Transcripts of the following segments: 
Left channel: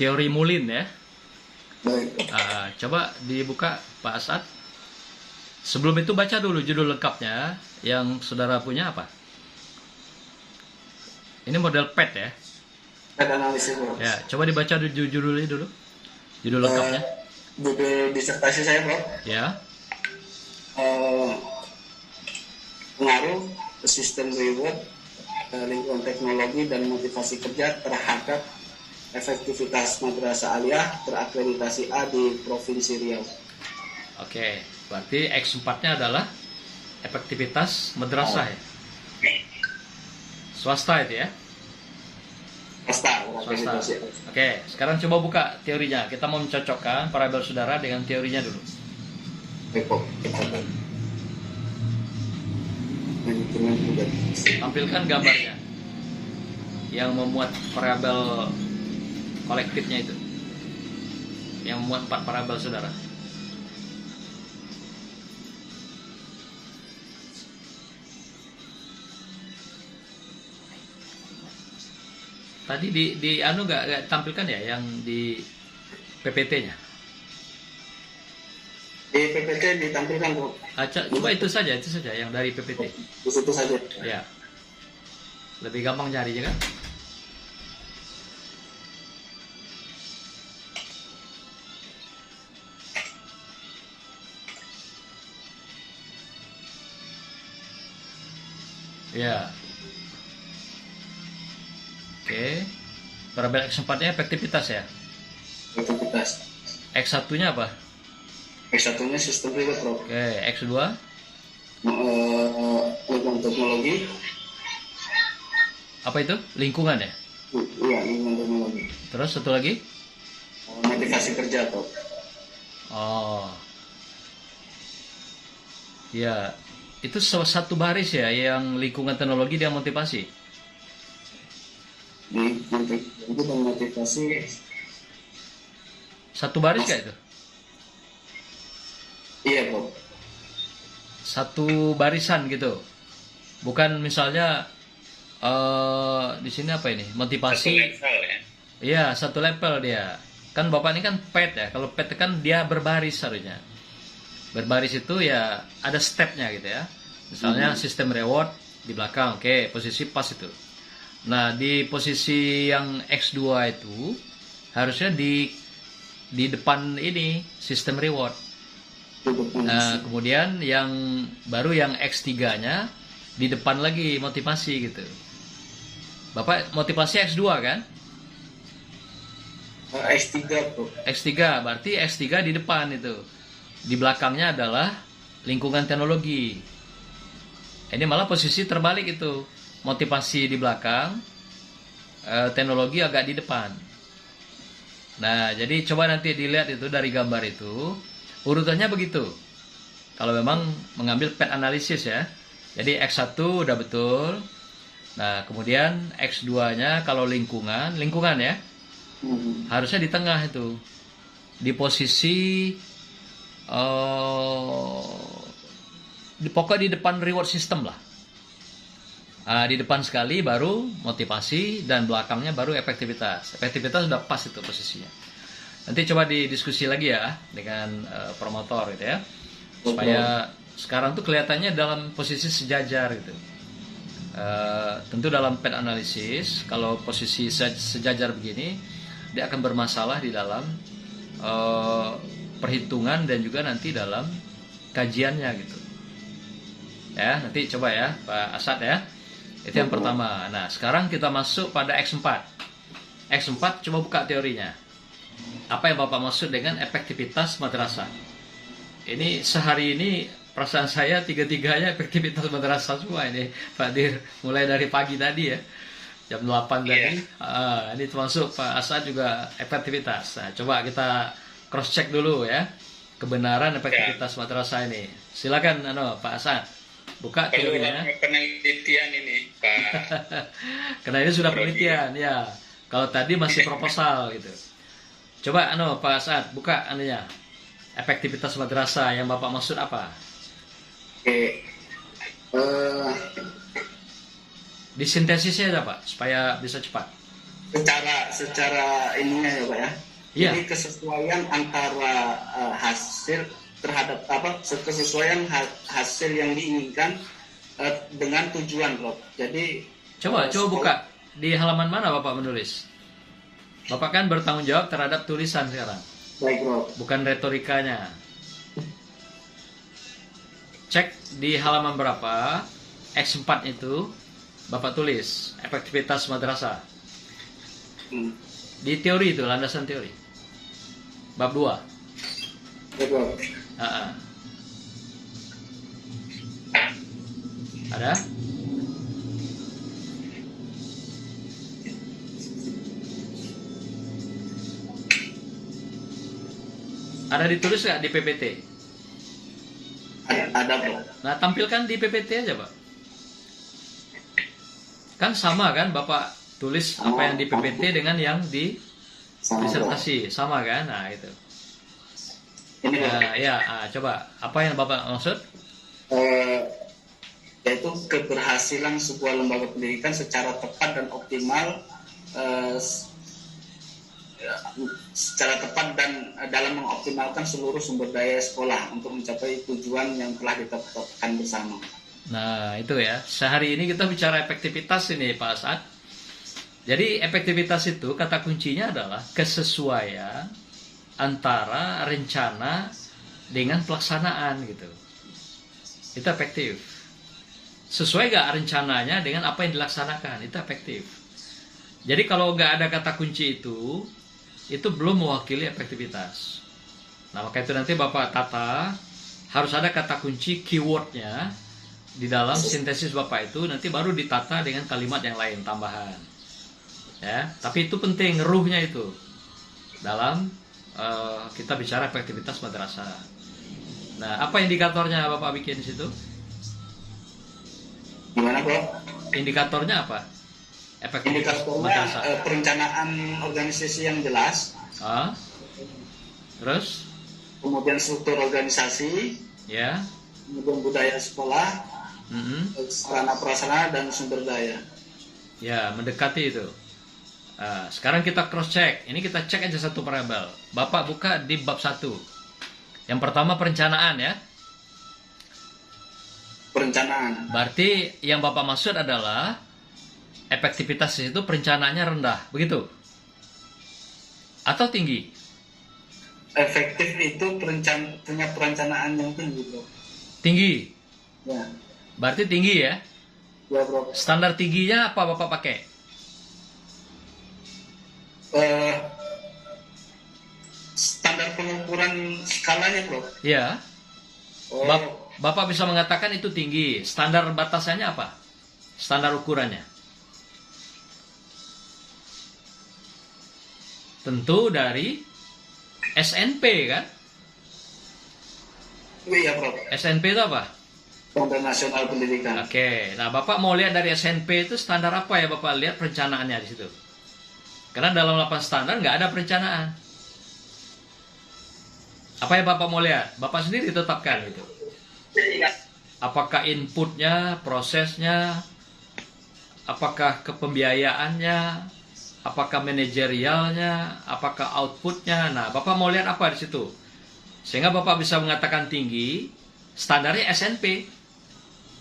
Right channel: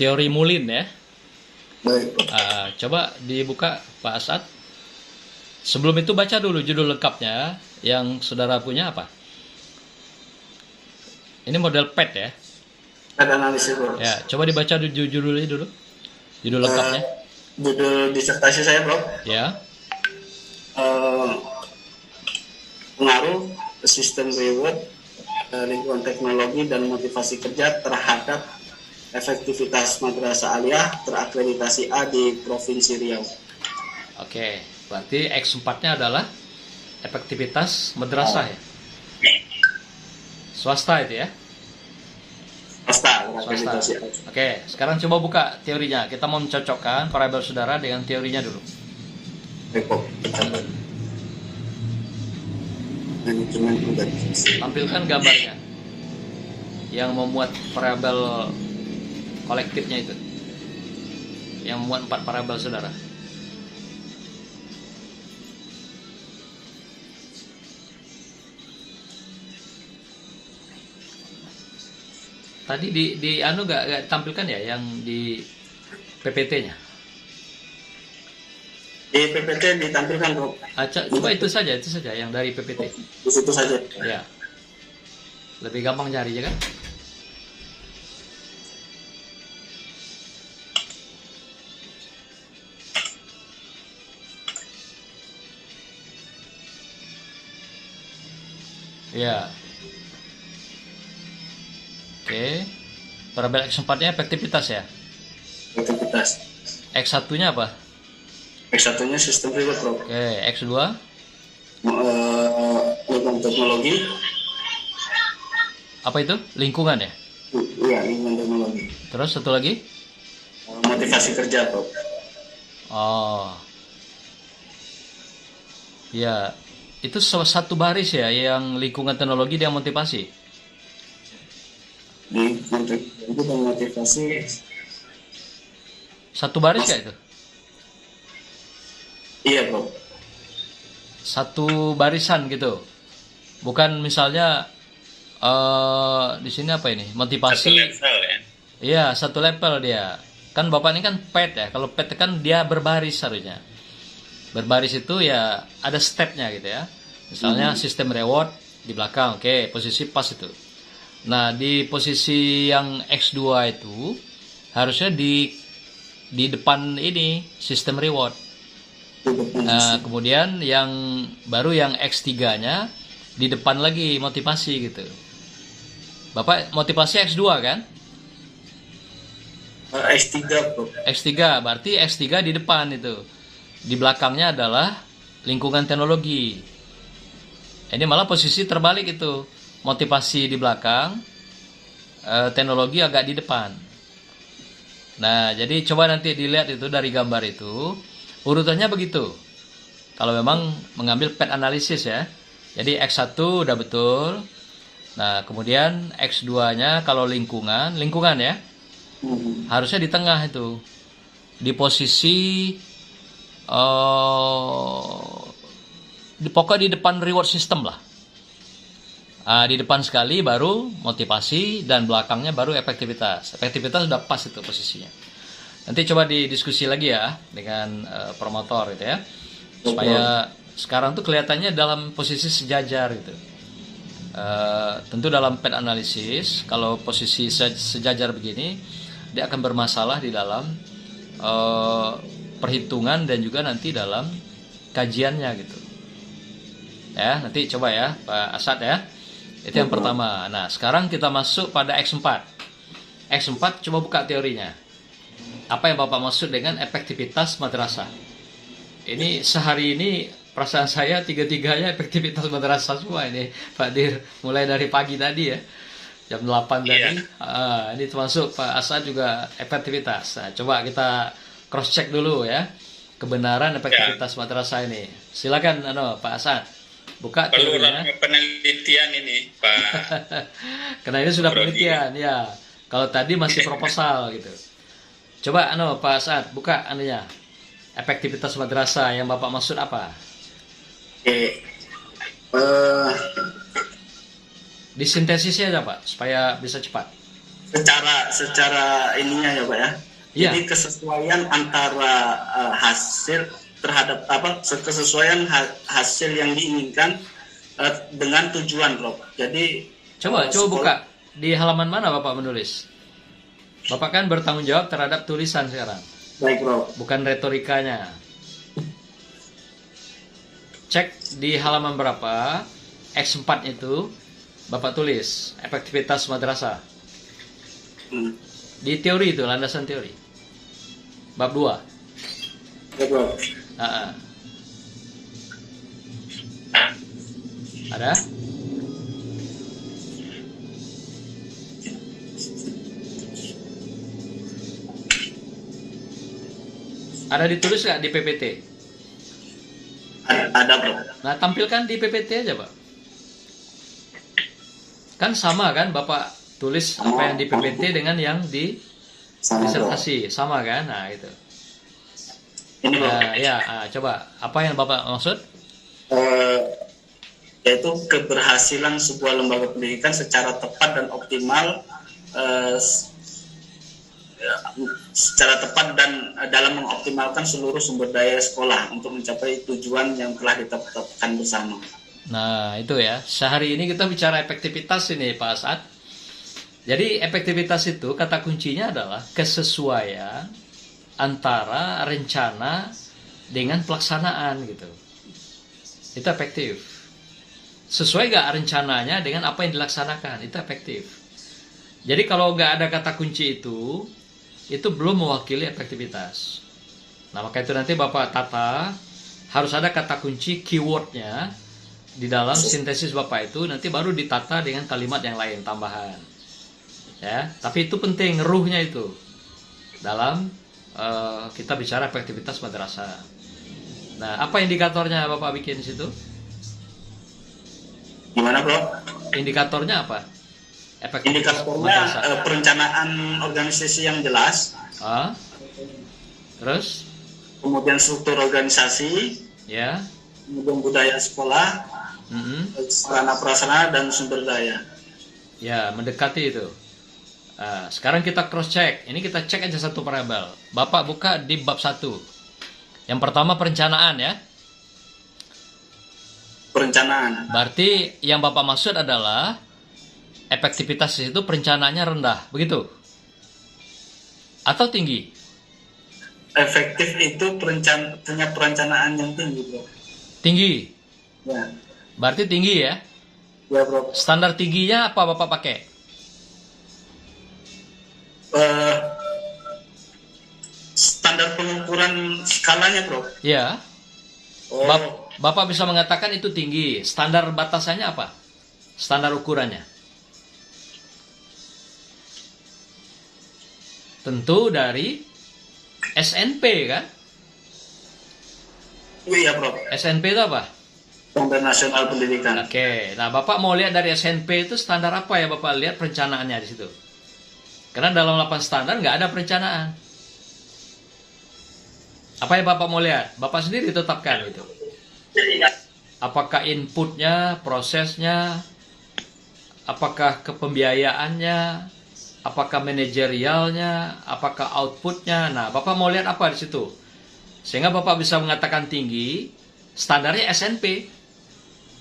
teori Moulin ya. Baik. Coba dibuka Pak Asad. Sebelum itu baca dulu judul lengkapnya yang saudara punya apa? Ini model PET ya. PET analisis, bro. Ya, coba dibaca judulnya dulu. Judul lengkapnya. Judul disertasi saya, bro. Ya. Pengaruh sistem reward, lingkungan teknologi dan motivasi kerja terhadap efektivitas madrasah aliyah terakreditasi A di Provinsi Riau. Oke, berarti X4-nya adalah efektivitas madrasah ya. Swasta itu ya. Swasta. Oke, sekarang coba buka teorinya. Kita mau mencocokkan variabel saudara dengan teorinya dulu. Tampilkan gambarnya yang memuat variabel kolektifnya itu, yang memuat 4 variabel saudara. Tadi di anu gak tampilkan ya yang di PPT-nya? Di PPT ditampilkan, bro. Coba itu saja yang dari PPT. Di situ saja. Ya. Lebih gampang nyarinya kan? Ya. Oke. Variabel X4-nya efektivitas ya? Efektivitas. X1-nya apa? X1-nya sistem reward, bro. Oke, X2? Lingkungan teknologi. Apa itu? Lingkungan ya? Iya, lingkungan teknologi. Terus satu lagi? Motivasi kerja, bro. Oh. Ya, itu satu baris ya yang lingkungan teknologi dan motivasi. Lingkungan teknologi dan motivasi. Satu baris kayak itu? Iya, bro. Satu barisan gitu. Bukan misalnya di sini apa ini? Motivasi. Satu level ya. Iya, satu level dia. Kan Bapak ini kan PET ya. Kalau PET kan dia berbaris harusnya. Berbaris itu ya ada stepnya gitu ya. Misalnya sistem reward di belakang. Oke, posisi pas itu. Nah, di posisi yang X2 itu harusnya di depan ini sistem reward. Nah, kemudian yang baru yang X3-nya di depan lagi motivasi gitu. Bapak motivasi X2 kan? X3, bro. X3, berarti X3 di depan itu. Di belakangnya adalah lingkungan teknologi. Ini malah posisi terbalik itu. Motivasi di belakang, teknologi agak di depan. Nah, jadi coba nanti dilihat itu dari gambar itu. Urutannya begitu. Kalau memang mengambil PET analisis ya. Jadi X1 udah betul. Nah, kemudian X2-nya kalau lingkungan ya. Harusnya di tengah itu. Di posisi pokoknya di depan reward system lah. Di depan sekali baru motivasi dan belakangnya baru efektivitas. Efektivitas sudah pas itu posisinya. Nanti coba didiskusi lagi ya dengan promotor gitu ya. Supaya sekarang tuh kelihatannya dalam posisi sejajar gitu. Tentu dalam PET analisis kalau posisi sejajar begini dia akan bermasalah di dalam perhitungan dan juga nanti dalam kajiannya gitu. Ya, nanti coba ya Pak Asad ya. Itu yang pertama. Nah, sekarang kita masuk pada X4. X4 coba buka teorinya. Apa yang Bapak maksud dengan efektivitas madrasah? Ini sehari ini perasaan saya tiga-tiganya efektivitas madrasah semua ini Pak Dir. Mulai dari pagi tadi ya. Jam 8 tadi. Ini termasuk Pak Asad juga efektivitas. Nah, coba kita cross check dulu ya. Kebenaran efektivitas madrasah ini. Silakan Pak Asad. Buka teorinya. Penelitian ini, Pak. Karena ini sudah penelitian ya. Kalau tadi masih proposal gitu. Coba Pak Asad buka anunya. Efektivitas madrasah yang Bapak maksud apa? Oke. Disintesisnya aja Pak supaya bisa cepat. secara ininya ya Pak ya. Iya. Jadi kesesuaian antara hasil terhadap kesesuaian hasil yang diinginkan dengan tujuan Prof. Jadi Coba buka. Di halaman mana Bapak menulis? Bapak kan bertanggung jawab terhadap tulisan sekarang, baik Prof. bukan retorikanya. Cek di halaman berapa, X4 itu Bapak tulis efektivitas madrasah. Di teori itu, landasan teori. Bab 2. Ya Prof. Ada? Ada ditulis nggak di PPT? Ada Prof. Nah, tampilkan di PPT aja, Pak. Kan sama kan Bapak tulis apa yang di PPT dengan yang di disertasi, sama kan? Nah, itu. Ini Prof. Nah, ya, coba apa yang Bapak maksud? Yaitu keberhasilan sebuah lembaga pendidikan secara tepat dan optimal secara tepat dan dalam mengoptimalkan seluruh sumber daya sekolah untuk mencapai tujuan yang telah ditetapkan bersama. Nah, itu ya. Sehari ini kita bicara efektivitas ini, Pak Asad. Jadi, efektivitas itu kata kuncinya adalah kesesuaian antara rencana dengan pelaksanaan gitu. Itu efektif. Sesuai gak rencananya dengan apa yang dilaksanakan, itu efektif. Jadi kalau gak ada kata kunci itu belum mewakili efektivitas. Nah, maka itu nanti Bapak tata, harus ada kata kunci keywordnya di dalam sintesis Bapak itu, nanti baru ditata dengan kalimat yang lain tambahan. Ya, tapi itu penting, ruhnya itu dalam kita bicara efektivitas madrasah. Nah, apa indikatornya Bapak bikin di situ? Gimana Bro? Indikatornya apa? Efektivitas Indikatornya madrasah. Perencanaan organisasi yang jelas, Terus? kemudian struktur organisasi, Ya. kemudian budaya sekolah, sarana prasarana dan sumber daya. Ya, mendekati itu. Sekarang kita cross check. Ini kita cek aja satu variabel. Bapak buka di bab 1. Yang pertama perencanaan ya. Perencanaan. Berarti yang Bapak maksud adalah efektivitas itu perencanaannya rendah, begitu? Atau tinggi? Efektif itu punya perencanaan yang tinggi Bro. Tinggi. Ya. Berarti tinggi ya. Ya Bro. Standar tingginya apa Bapak pakai? Standar pengukuran skalanya Bro. Ya. Oh, Bapak bisa mengatakan itu tinggi. Standar batasannya apa? Standar ukurannya? Tentu dari SNP kan? iya Bro. SNP itu apa? Standar Nasional Pendidikan. Oke, nah Bapak mau lihat dari SNP itu standar apa ya Bapak lihat perencanaannya di situ? Karena dalam 8 standar nggak ada perencanaan. Apa yang Bapak mau lihat? Bapak sendiri tetapkan gitu. Apakah inputnya, prosesnya, apakah kepembiayaannya, apakah manajerialnya, apakah outputnya. Nah, Bapak mau lihat apa di situ? Sehingga Bapak bisa mengatakan tinggi, standarnya SNP.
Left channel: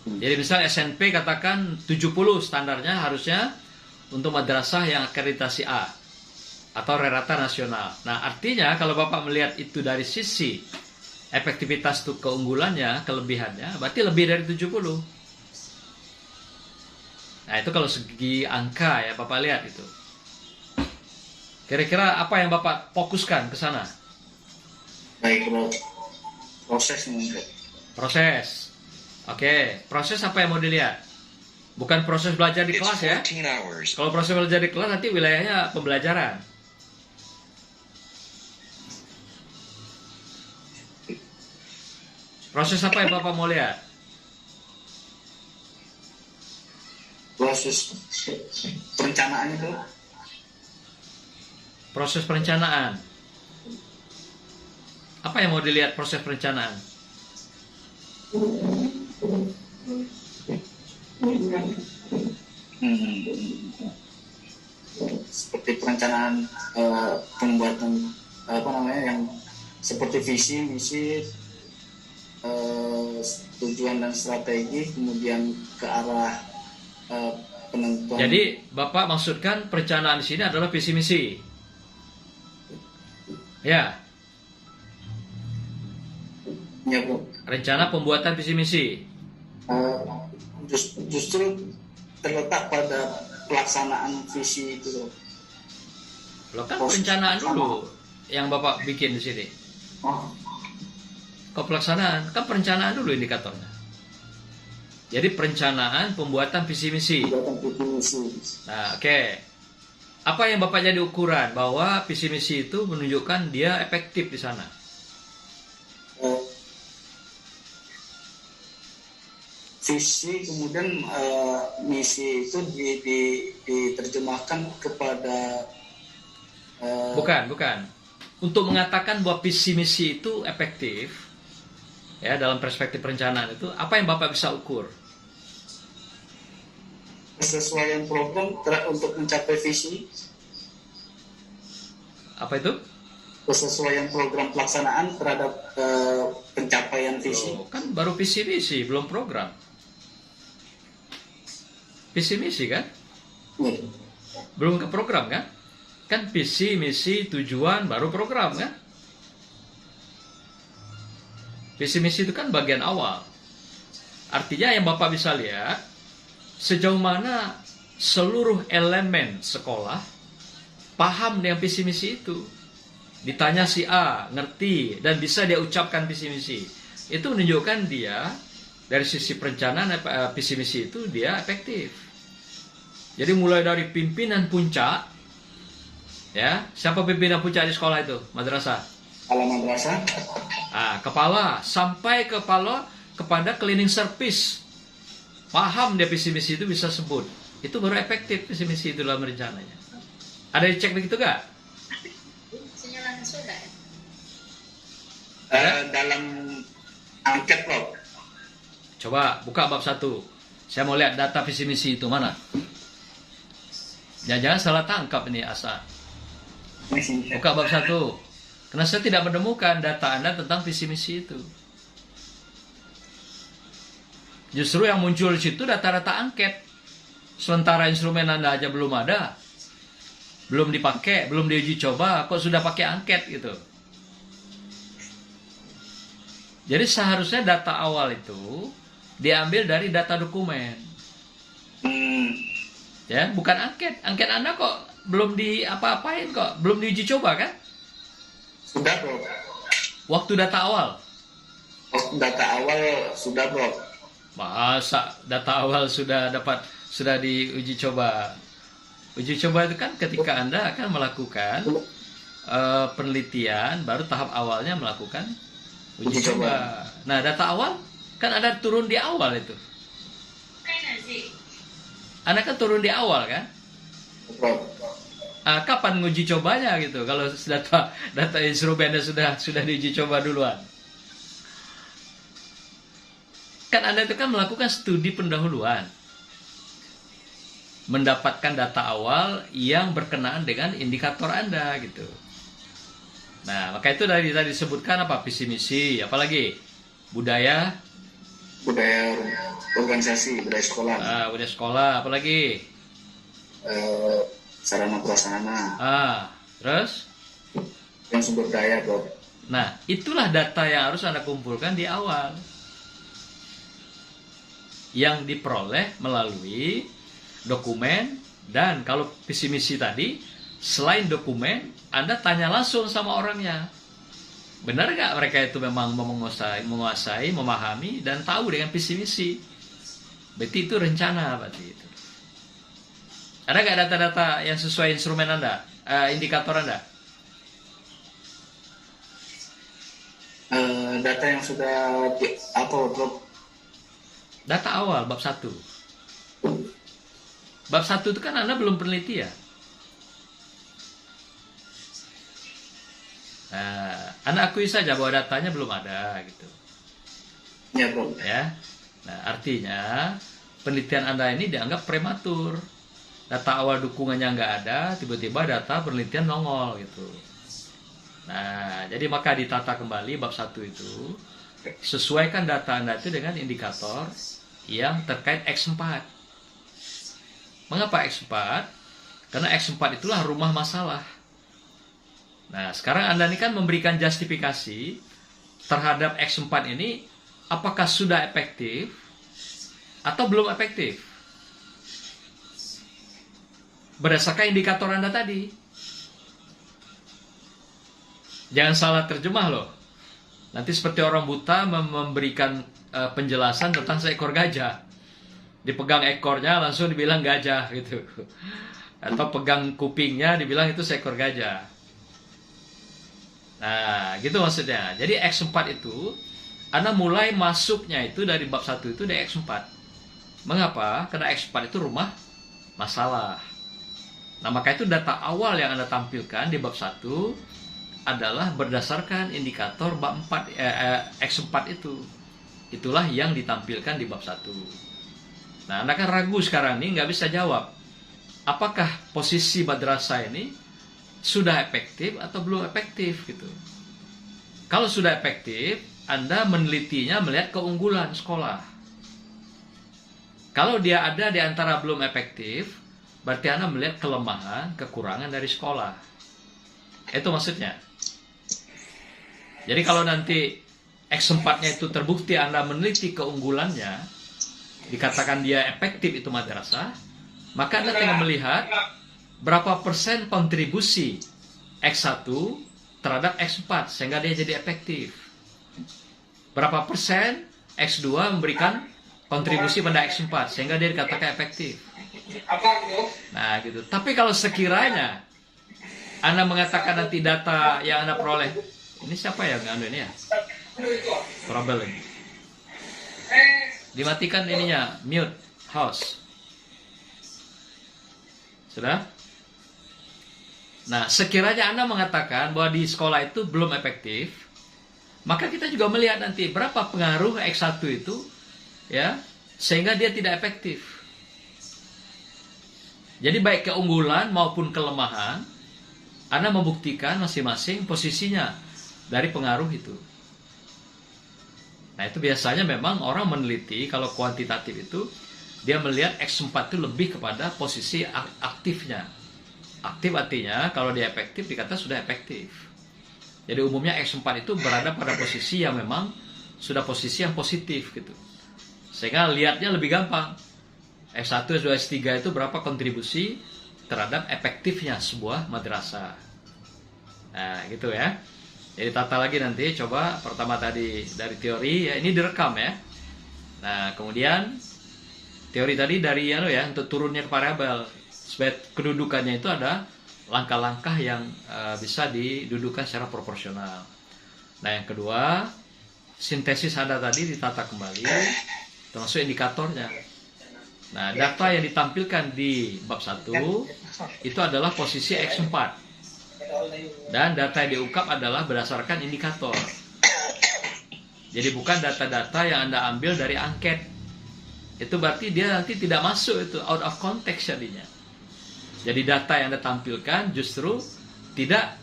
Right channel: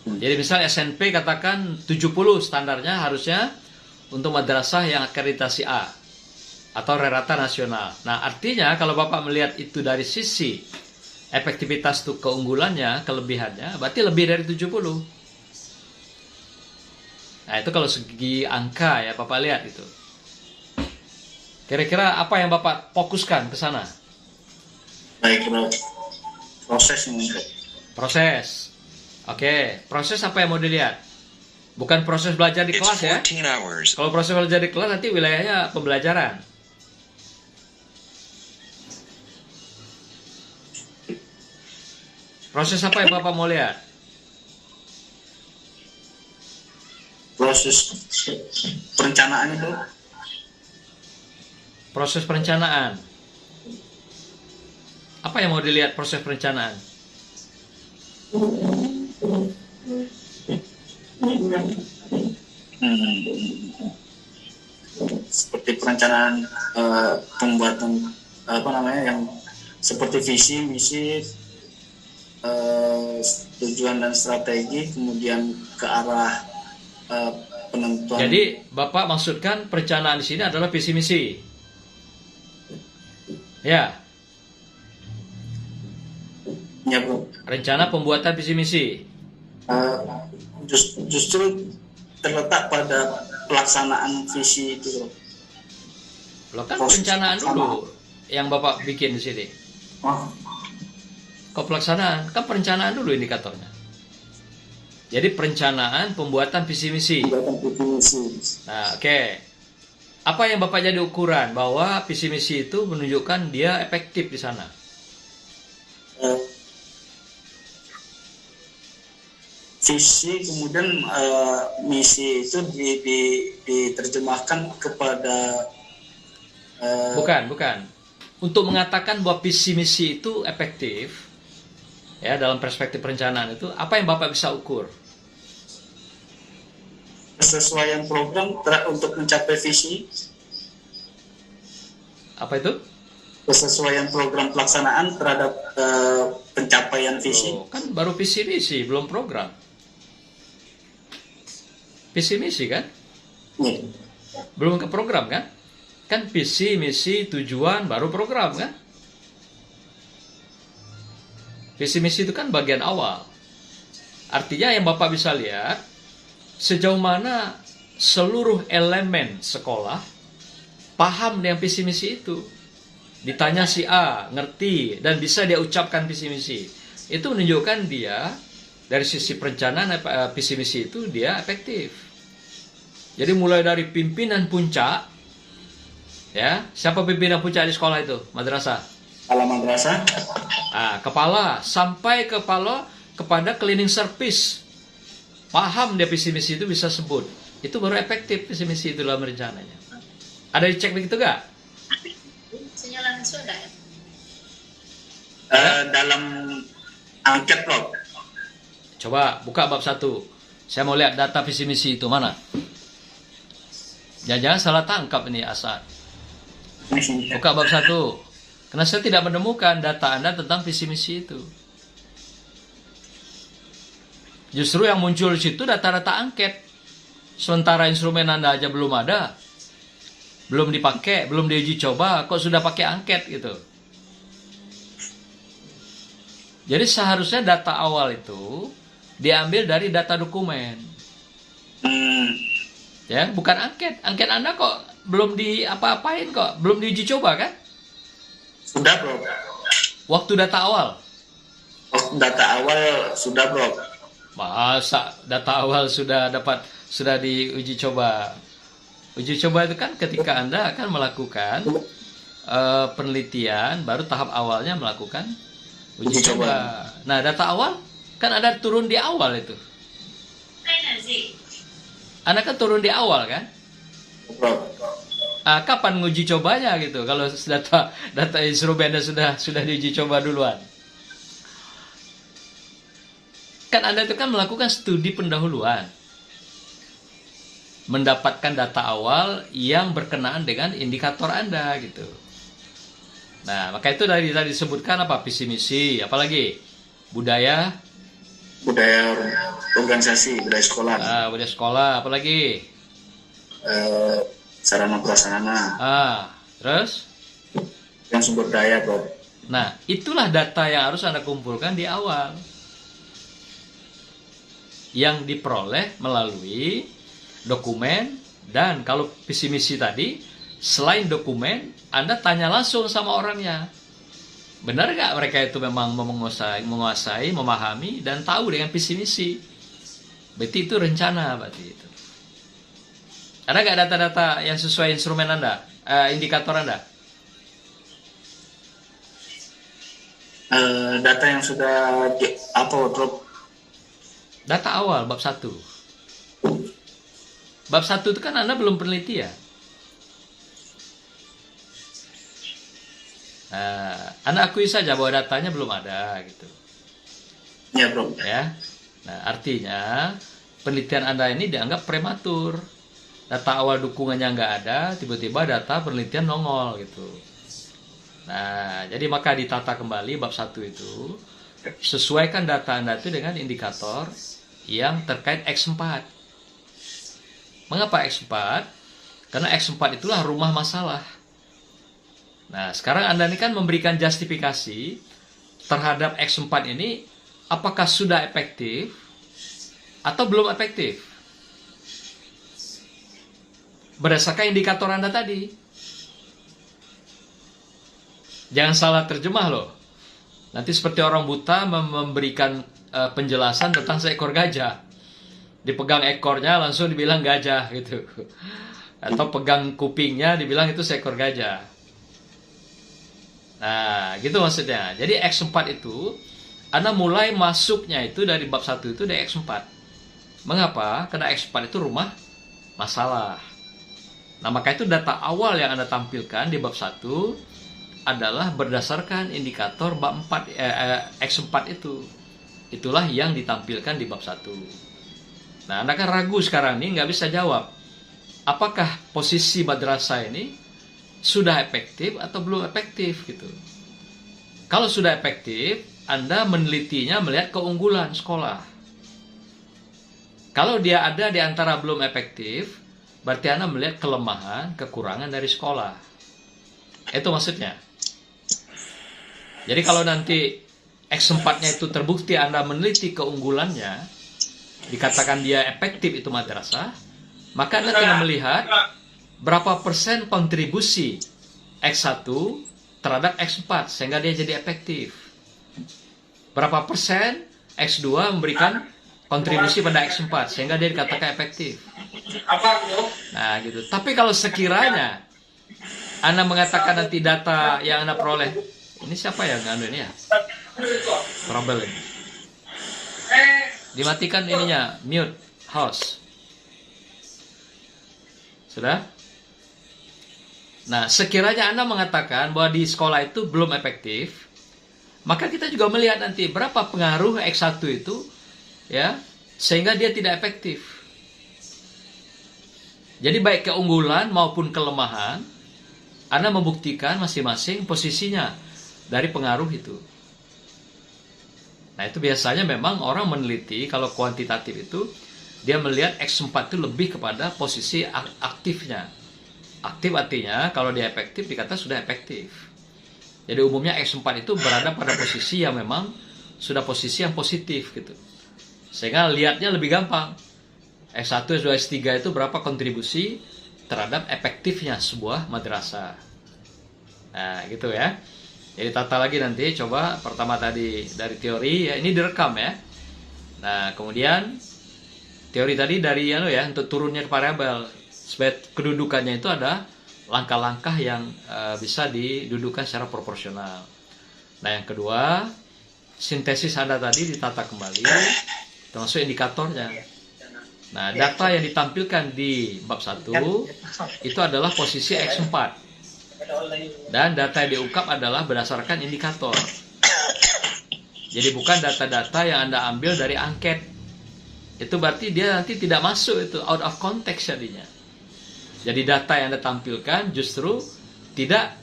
Jadi misal SNP katakan 70 standarnya harusnya untuk madrasah yang akreditasi A atau rata nasional. Nah, artinya kalau Bapak melihat itu dari sisi efektivitas itu keunggulannya, kelebihannya, berarti lebih dari 70. Nah, itu kalau segi angka ya Bapak lihat itu. Kira-kira apa yang Bapak fokuskan ke sana? Baik Bro. Prosesnya Bro. Proses. Oke, proses apa yang mau dilihat? Bukan proses belajar di kelas ya. Kalau proses belajar di kelas nanti wilayahnya pembelajaran. Proses apa yang Bapak mau lihat? Proses perencanaan itu. Proses perencanaan. Apa yang mau dilihat proses perencanaan? seperti perencanaan pembuatan apa namanya yang seperti visi, misi, tujuan dan strategi, kemudian ke arah penentuan. Jadi Bapak maksudkan perencanaan di sini adalah visi misi. Ya, Ya bro. rencana pembuatan visi misi. Justru terletak pada pelaksanaan visi itu bro. Lo kan perencanaan dulu yang Bapak bikin di sini. Oh, Kok pelaksanaan? Kan perencanaan dulu indikatornya. Jadi perencanaan pembuatan visi misi. pembuatan visi misi. Nah, oke. Apa yang Bapak jadi ukuran bahwa visi misi itu menunjukkan dia efektif di sana? Visi kemudian misi itu diterjemahkan kepada Bukan. Untuk mengatakan bahwa visi misi itu efektif, ya dalam perspektif perencanaan itu, apa yang Bapak bisa ukur? kesesuaian program untuk mencapai visi, Apa itu? kesesuaian program pelaksanaan terhadap pencapaian visi. Oh, kan baru visi misi, belum program. Visi misi kan? Ya. Belum ke program kan? Kan visi, misi, tujuan, baru program kan? Visi misi itu kan bagian awal. Artinya yang Bapak bisa lihat, sejauh mana seluruh elemen sekolah paham dengan visi misi itu. Ditanya si A, ngerti, dan bisa dia ucapkan visi misi. Itu menunjukkan dia, dari sisi perencanaan visi misi itu dia efektif. Jadi mulai dari pimpinan puncak, ya, siapa pimpinan puncak di sekolah itu? Madrasah. Kepala madrasah, Kepala, sampai kepada cleaning service. Paham dia visi misi itu bisa sebut. Itu baru efektif visi misi itu dalam rencananya. Ada dicek begitu gak? Senyalan surga ya? dalam angket bro. Coba buka bab 1. Saya mau lihat data visi misi itu mana. Jangan salah tangkap ini Asad. Buka bab 1. Karena saya tidak menemukan data Anda tentang visi misi itu. Justru yang muncul di situ data-data angket. Sementara instrumen Anda aja belum ada. Belum dipakai, belum diuji coba, kok sudah pakai angket gitu. Jadi seharusnya data awal itu diambil dari data dokumen. Ya, bukan angket. Angket Anda kok belum diapa-apain kok, belum diuji coba kan? Sudah bro. Waktu data awal. Data awal sudah bro. Masa data awal sudah diuji coba? Uji coba itu kan ketika Anda akan melakukan penelitian, baru tahap awalnya melakukan uji coba. Nah, data awal kan ada turun di awal itu. Anda kan turun di awal kan? Bro. Kapan nguji cobanya gitu? Kalau data instrumennya sudah diuji coba duluan. Kan Anda itu kan melakukan studi pendahuluan. Mendapatkan data awal yang berkenaan dengan indikator Anda gitu. Nah, maka itu tadi disebutkan apa? Visi misi, apalagi budaya Organisasi, budaya sekolah. Budaya sekolah, apalagi Sarana prasarana. Terus? Yang sumber daya, bro. Nah, itulah data yang harus Anda kumpulkan di awal. Yang diperoleh melalui dokumen, dan kalau visi misi tadi, selain dokumen, Anda tanya langsung sama orangnya. Benar nggak mereka itu memang menguasai, memahami, dan tahu dengan visi misi? Berarti itu rencana, berarti itu. Ada nggak data-data yang sesuai instrumen Anda, indikator Anda? Data yang sudah bro? Data awal, bab 1. Bab 1 itu kan Anda belum peneliti ya? Anda akui saja bahwa datanya belum ada gitu. Ya bro. Ya. Nah, artinya penelitian Anda ini dianggap prematur. data awal dukungannya nggak ada, tiba-tiba data penelitian nongol gitu. Nah, jadi maka ditata kembali bab 1 itu, sesuaikan data Anda itu dengan indikator yang terkait X4. Mengapa X4? Karena X4 itulah rumah masalah. Nah, sekarang Anda ini kan memberikan justifikasi terhadap X4 ini, apakah sudah efektif atau belum efektif? Berdasarkan indikator Anda tadi. Jangan salah terjemah loh. Nanti seperti orang buta memberikan penjelasan tentang seekor gajah. Dipegang ekornya langsung dibilang gajah gitu. Atau pegang kupingnya dibilang itu seekor gajah. Nah, gitu maksudnya. Jadi X4 itu Anda mulai masuknya itu dari bab 1 itu dari X4. Mengapa? Karena X4 itu rumah masalah. Nah, maka itu data awal yang Anda tampilkan di bab 1 adalah berdasarkan indikator bab 4 X4 itu. Itulah yang ditampilkan di bab 1. Nah, Anda kan ragu sekarang nih, nggak bisa jawab. Apakah posisi madrasah ini sudah efektif atau belum efektif gitu. Kalau sudah efektif, Anda menelitinya melihat keunggulan sekolah. Kalau dia ada di antara belum efektif, berarti Anda melihat kelemahan, kekurangan dari sekolah. Itu maksudnya. Jadi kalau nanti X4-nya itu terbukti Anda meneliti keunggulannya, dikatakan dia efektif itu madrasah, maka Anda tinggal melihat berapa persen kontribusi X1 terhadap X4 sehingga dia jadi efektif. Berapa persen X2 memberikan kontribusi pada X4 sehingga dia dikatakan efektif. Nah gitu. Tapi kalau sekiranya Anda mengatakan nanti data yang Anda peroleh, ini siapa yang nganu ini ya? Trouble ini. Dimatikan ininya, mute, host. Sudah? Nah, sekiranya Anda mengatakan bahwa di sekolah itu belum efektif, maka kita juga melihat nanti berapa pengaruh X1 itu, ya, sehingga dia tidak efektif. Jadi baik keunggulan maupun kelemahan, Anda membuktikan masing-masing posisinya dari pengaruh itu. Nah, itu biasanya memang orang meneliti kalau kuantitatif itu, dia melihat X4 itu lebih kepada posisi aktifnya. Aktif artinya kalau dia efektif dikata sudah efektif. Jadi umumnya X4 itu berada pada posisi yang memang sudah posisi yang positif gitu. Sehingga lihatnya lebih gampang. S1, S2, S3 itu berapa kontribusi terhadap efektifnya sebuah madrasah. Nah, gitu ya. Jadi tata lagi nanti, coba pertama tadi dari teori, ya ini direkam ya. Nah, kemudian teori tadi dari untuk turunnya ke variabel. Sebab kedudukannya itu ada langkah-langkah yang bisa didudukan secara proporsional. Nah, yang kedua, sintesis Anda tadi ditata kembali, termasuk indikatornya. Nah, data yang ditampilkan di bab 1 itu adalah posisi X4. Dan data yang diungkap adalah berdasarkan indikator. Jadi bukan data-data yang Anda ambil dari angket. Itu berarti dia nanti tidak masuk itu, out of context jadinya. Jadi data yang Anda tampilkan justru tidak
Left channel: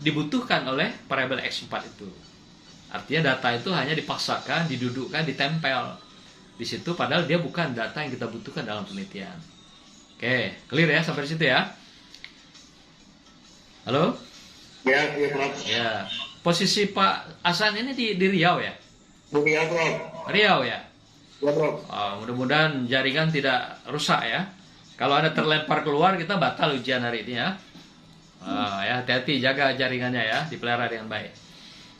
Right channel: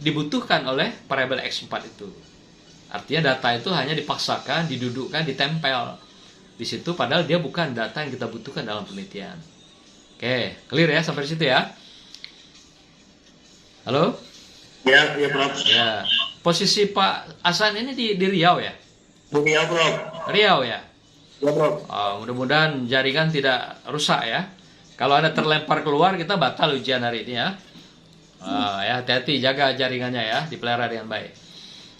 dibutuhkan oleh variabel X4 itu. Artinya data itu hanya dipaksakan, didudukkan, ditempel di situ, padahal dia bukan data yang kita butuhkan dalam penelitian. Oke, clear ya sampai di situ ya? Halo? Ya, Prof. Ya. Posisi Pak Hasan ini di Riau ya? Di Riau, Prof. Riau ya? Ya, Prof. Mudah-mudahan jaringan tidak rusak ya. Kalau Anda terlempar keluar, kita batal ujian hari ini ya. Ya, hati-hati, jaga jaringannya ya, dipelihara dengan baik.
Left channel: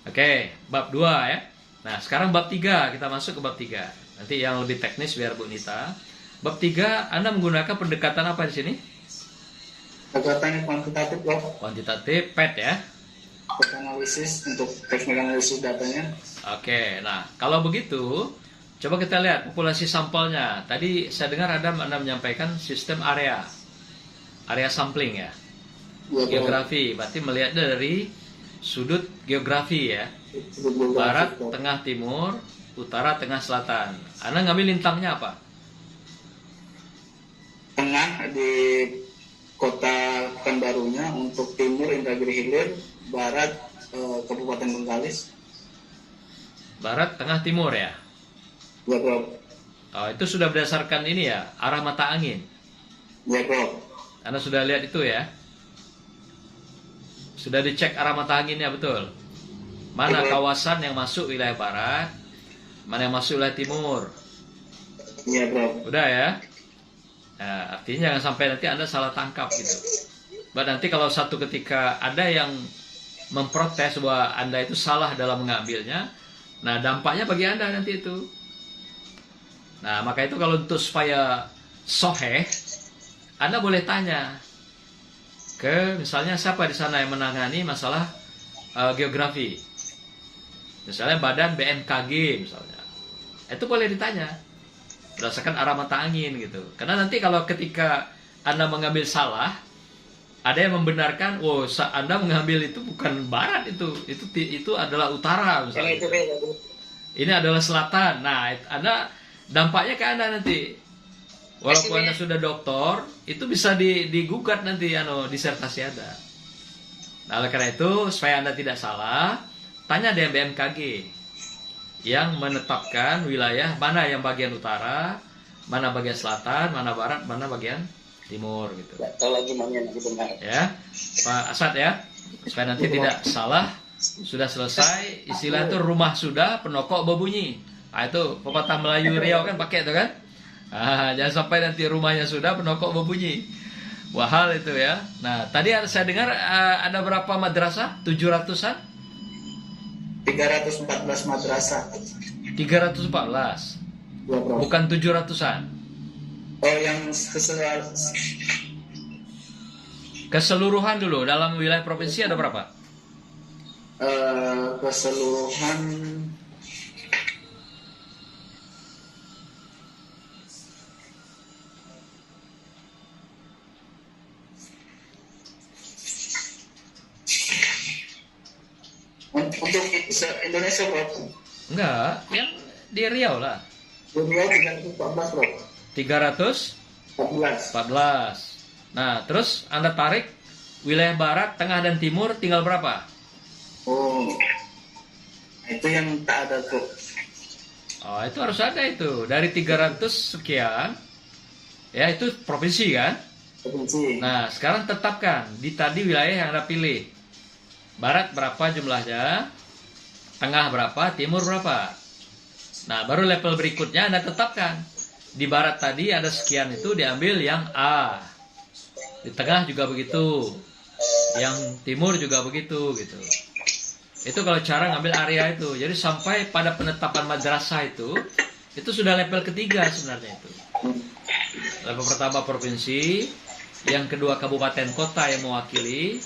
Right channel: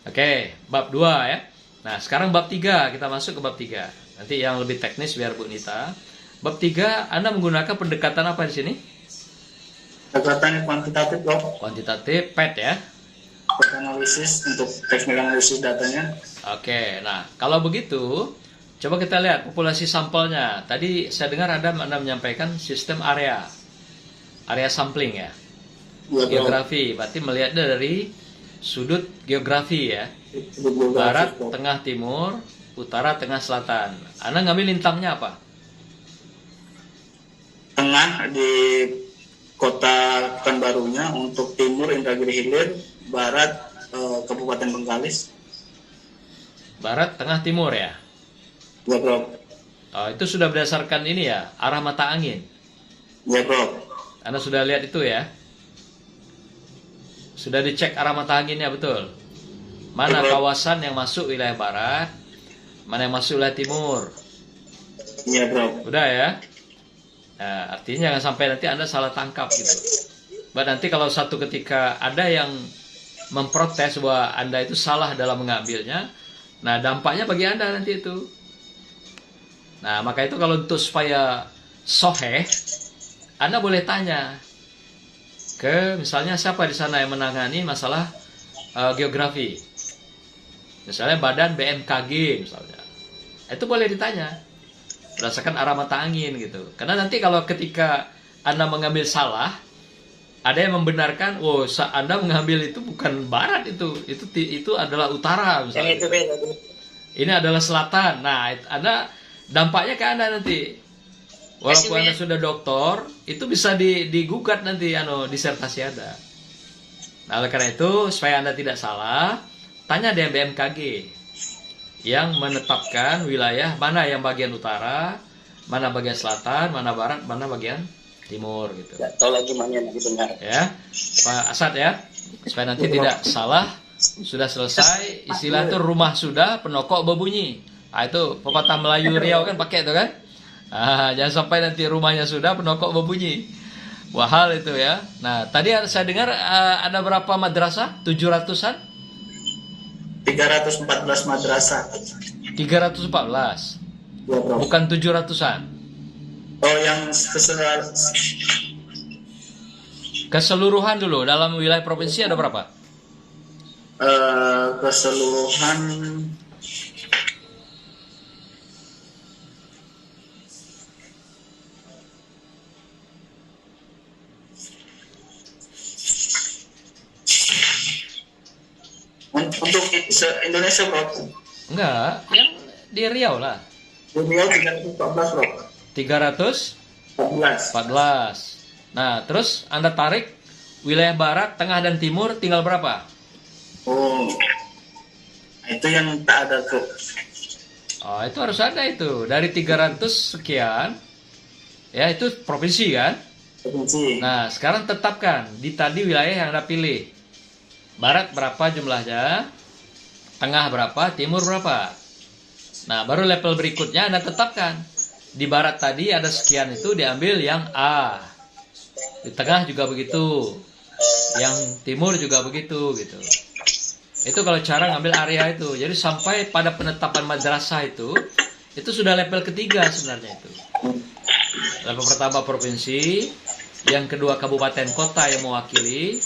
Oke, bab 2 ya. Nah, sekarang bab 3, kita masuk ke bab 3. Nanti yang lebih teknis biar Bu Nita. Bab 3, Anda menggunakan pendekatan apa di sini? Pendekatan kuantitatif, Prof. Kuantitatif, PET ya. Untuk analisis, untuk teknik analisis datanya. Oke, nah kalau begitu, coba kita lihat populasi sampelnya. Tadi saya dengar Anda menyampaikan sistem area sampling ya. Ya, Geografi, berarti melihatnya dari sudut geografi ya. Barat, tengah, timur, utara, tengah, selatan. Anda ngambil lintangnya apa? tengah di kota Pekanbarunya, untuk timur Indragiri Hilir, barat Kabupaten Bengkalis. Barat, tengah, timur ya. Ya bro. Oh, itu sudah berdasarkan ini ya, arah mata angin. Ya bro. Anda sudah lihat itu ya? Sudah dicek arah mata anginnya betul. Mana kawasan yang masuk wilayah barat, mana yang masuk wilayah timur. Iya bro. Udah ya? Nah, artinya jangan sampai nanti Anda salah tangkap gitu. Nanti kalau satu ketika ada yang memprotes bahwa Anda itu salah dalam mengambilnya, nah dampaknya bagi Anda nanti itu. Nah, maka itu kalau untuk supaya soheh, Anda boleh tanya ke misalnya siapa di sana yang menangani masalah geografi. Misalnya badan BMKG misalnya. Itu boleh ditanya berdasarkan arah mata angin gitu. Karena nanti kalau ketika Anda mengambil salah, ada yang membenarkan, oh Anda mengambil itu bukan barat itu adalah utara misalnya. Ini adalah selatan. Nah, Anda dampaknya ke Anda nanti. Walaupun Anda sudah doktor, itu bisa digugat nanti disertasi Anda. Nah, oleh karena itu, supaya Anda tidak salah, tanya dengan BMKG yang menetapkan wilayah mana yang bagian utara, mana bagian selatan, mana barat, mana bagian timur gitu. Ya, Pak Asad ya, supaya nanti tidak salah. Sudah selesai, istilah itu rumah sudah, penokok berbunyi. Nah, itu pepatah Melayu Riau kan pakai itu kan. Jangan sampai nanti rumahnya sudah, penokok berbunyi. Wahal itu ya. Nah, tadi saya dengar ada berapa madrasah? 700-an? 314 madrasah. 314. Bukan 700-an. Oh, yang keseluruhan dulu dalam wilayah provinsi ada berapa? Keseluruhan untuk Indonesia bro. Enggak, yang di Riau lah. Di Riau 314 bro. 314. Nah, terus Anda tarik wilayah barat, tengah dan timur tinggal berapa? Oh, itu yang tak ada bro. Oh, itu harus ada itu. Dari 300 sekian, ya itu provinsi kan? Provinsi. Nah, sekarang tetapkan di tadi wilayah yang Anda pilih. Barat berapa jumlahnya, tengah berapa, timur berapa. Nah, baru level berikutnya Anda tetapkan. Di barat tadi ada sekian itu diambil yang A. Di tengah juga begitu. Yang timur juga begitu gitu. Itu kalau cara ngambil area itu. Jadi sampai pada penetapan madrasah itu sudah level ketiga sebenarnya itu. Level pertama provinsi, yang kedua kabupaten kota yang mewakili,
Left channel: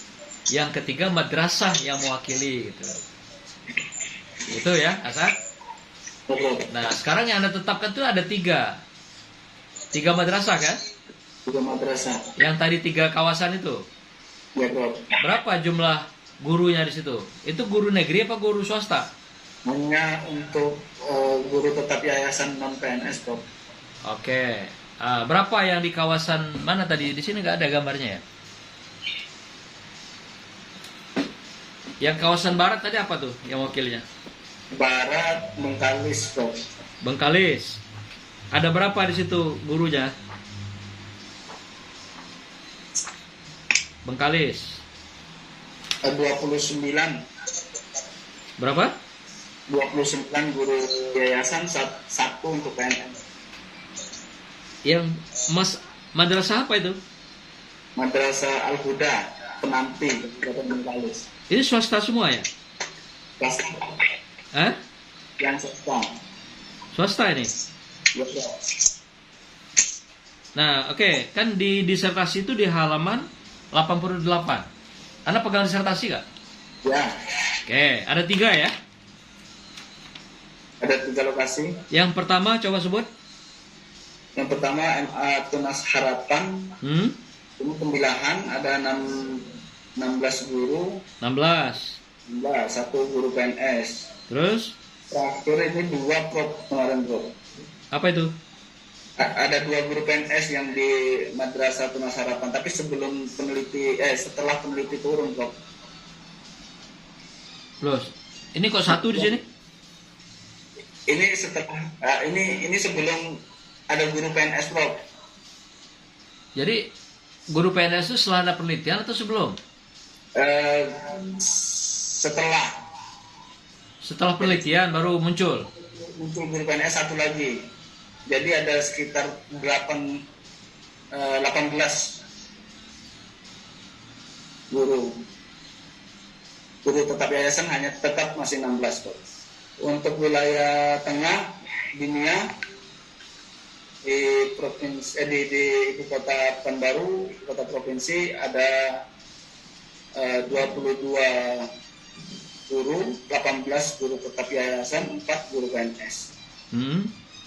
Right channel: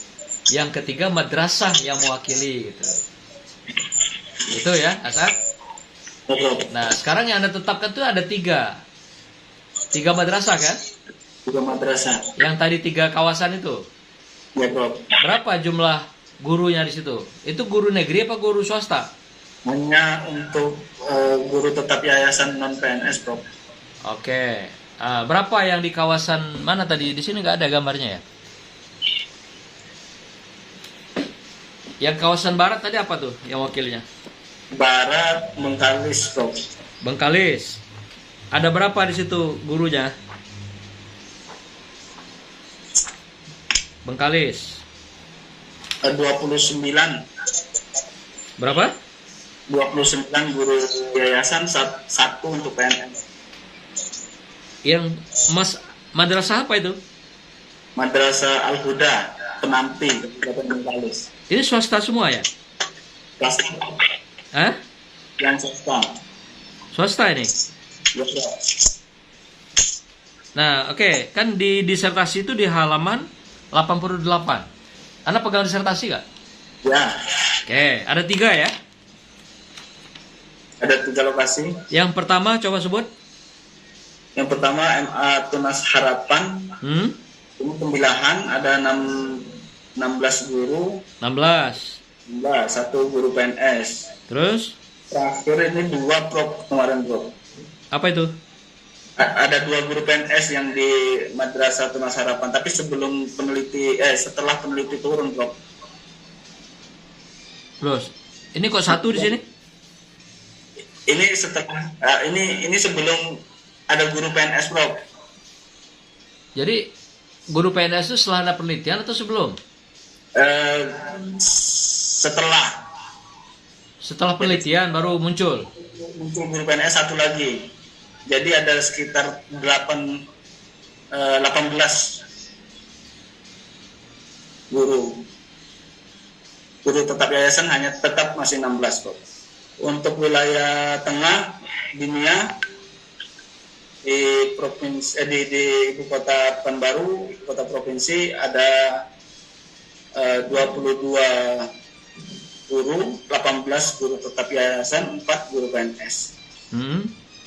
yang ketiga madrasah yang mewakili gitu. Itu ya, Asad. Nah, sekarang yang Anda tetapkan itu ada 3 madrasah kan? 3 madrasah. Yang tadi 3 kawasan itu. Ya bro. Berapa jumlah gurunya di situ? Itu guru negeri apa guru swasta? Hanya untuk guru tetap yayasan non PNS bro. Oke. Berapa yang di kawasan mana tadi? Di sini nggak ada gambarnya ya? Yang kawasan barat tadi apa tuh yang wakilnya? Barat Bengkalis bro. Bengkalis. Ada berapa di situ gurunya? Bengkalis. 29. Berapa? 29 guru yayasan, 1 untuk PNS. Yang madrasah apa itu? Madrasah Al-Huda, Penampi, Kabupaten Bengkalis. Ini swasta semua ya? Swasta. Hah? Yang swasta. Swasta ini? Ya, bro. Nah, oke. Kan di disertasi itu di halaman 88. Anda pegang disertasi nggak? Ya, Oke, ada 3 ya. ada 3 lokasi. Yang pertama coba sebut. Yang pertama MA Tunas Harapan. Ini pemilihan ada 16 guru. 16. 1 guru PNS. Terus Terakhir ini 2 prop kemarin bro. apa itu? Ada 2 guru PNS yang di Madrasah Tunas Harapan, tapi setelah peneliti turun, Prof. Loh, ini kok satu di sini? Ini setelah ini sebelum ada guru PNS, Prof. Jadi guru PNS itu setelah ada penelitian atau sebelum? Setelah penelitian baru muncul. Guru PNS satu lagi. Jadi ada sekitar 18 guru tetap yayasan, hanya tetap masih 16 kok. Untuk wilayah tengah dunia di provinsi di ibu kota Pekanbaru, ibu kota provinsi, ada 22 guru, 18 guru tetap yayasan, 4 guru PNS.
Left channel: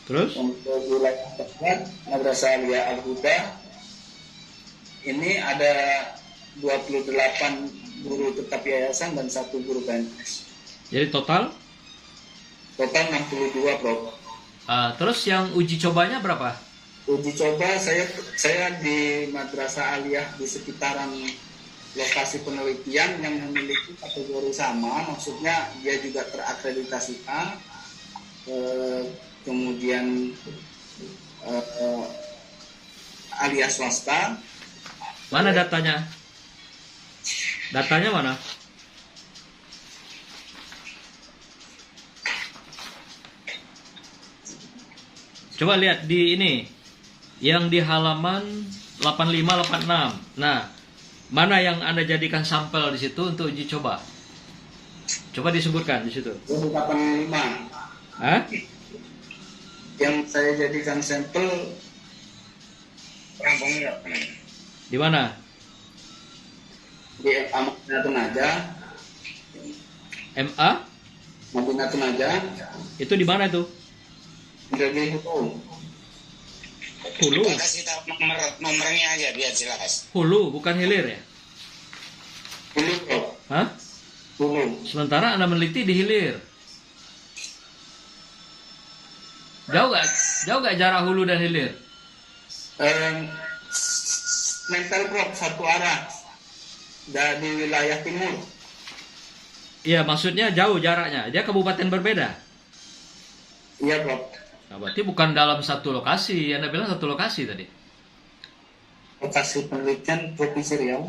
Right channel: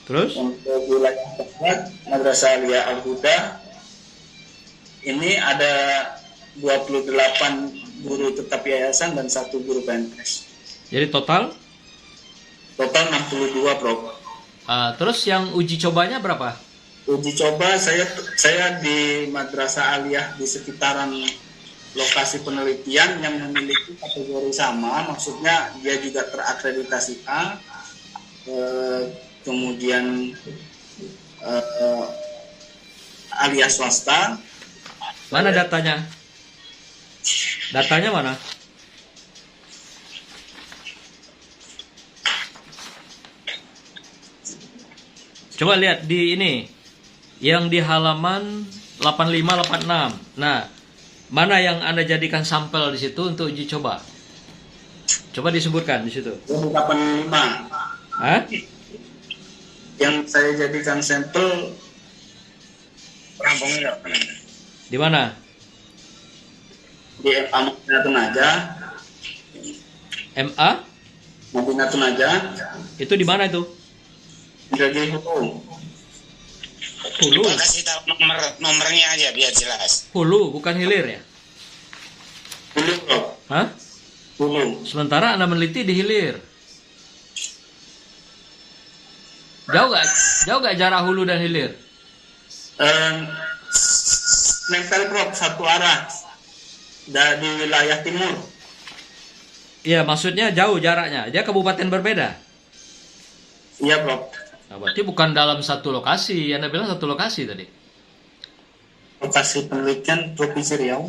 Terus? Untuk wilayah tempat Madrasah Aliyah Al-Huda ini ada 28 guru tetap yayasan dan 1 guru PNS. Jadi total 62, Prof. Terus yang uji cobanya berapa? Uji coba saya di Madrasah Aliyah di sekitaran lokasi penelitian yang memiliki kategori sama, maksudnya dia juga terakreditasi A, kemudian Aliyah swasta. Mana datanya? Datanya mana? Coba lihat di ini, yang di halaman 8586. Nah, mana yang Anda jadikan sampel di situ untuk uji coba? Coba disebutkan di situ. 85. Hah? Yang saya jadikan sampel rampungnya Di mana? di Madinatun Najah. MA? Madinatun Najah. Itu di mana itu? Indragiri Hulu. Hulu. Kasih tahu nomornya aja biar jelas. Hulu, bukan hilir ya? Hulu, Prof. Hah? Hulu. Sementara Anda meneliti di hilir. Jauh gak jarak hulu dan hilir? Nempel, Prof, satu arah dari wilayah timur. Iya, maksudnya jauh jaraknya. Dia kabupaten berbeda. Iya, Prof. Nah, berarti bukan dalam satu lokasi. Anda bilang satu lokasi tadi. Lokasi penelitian Provinsi Riau.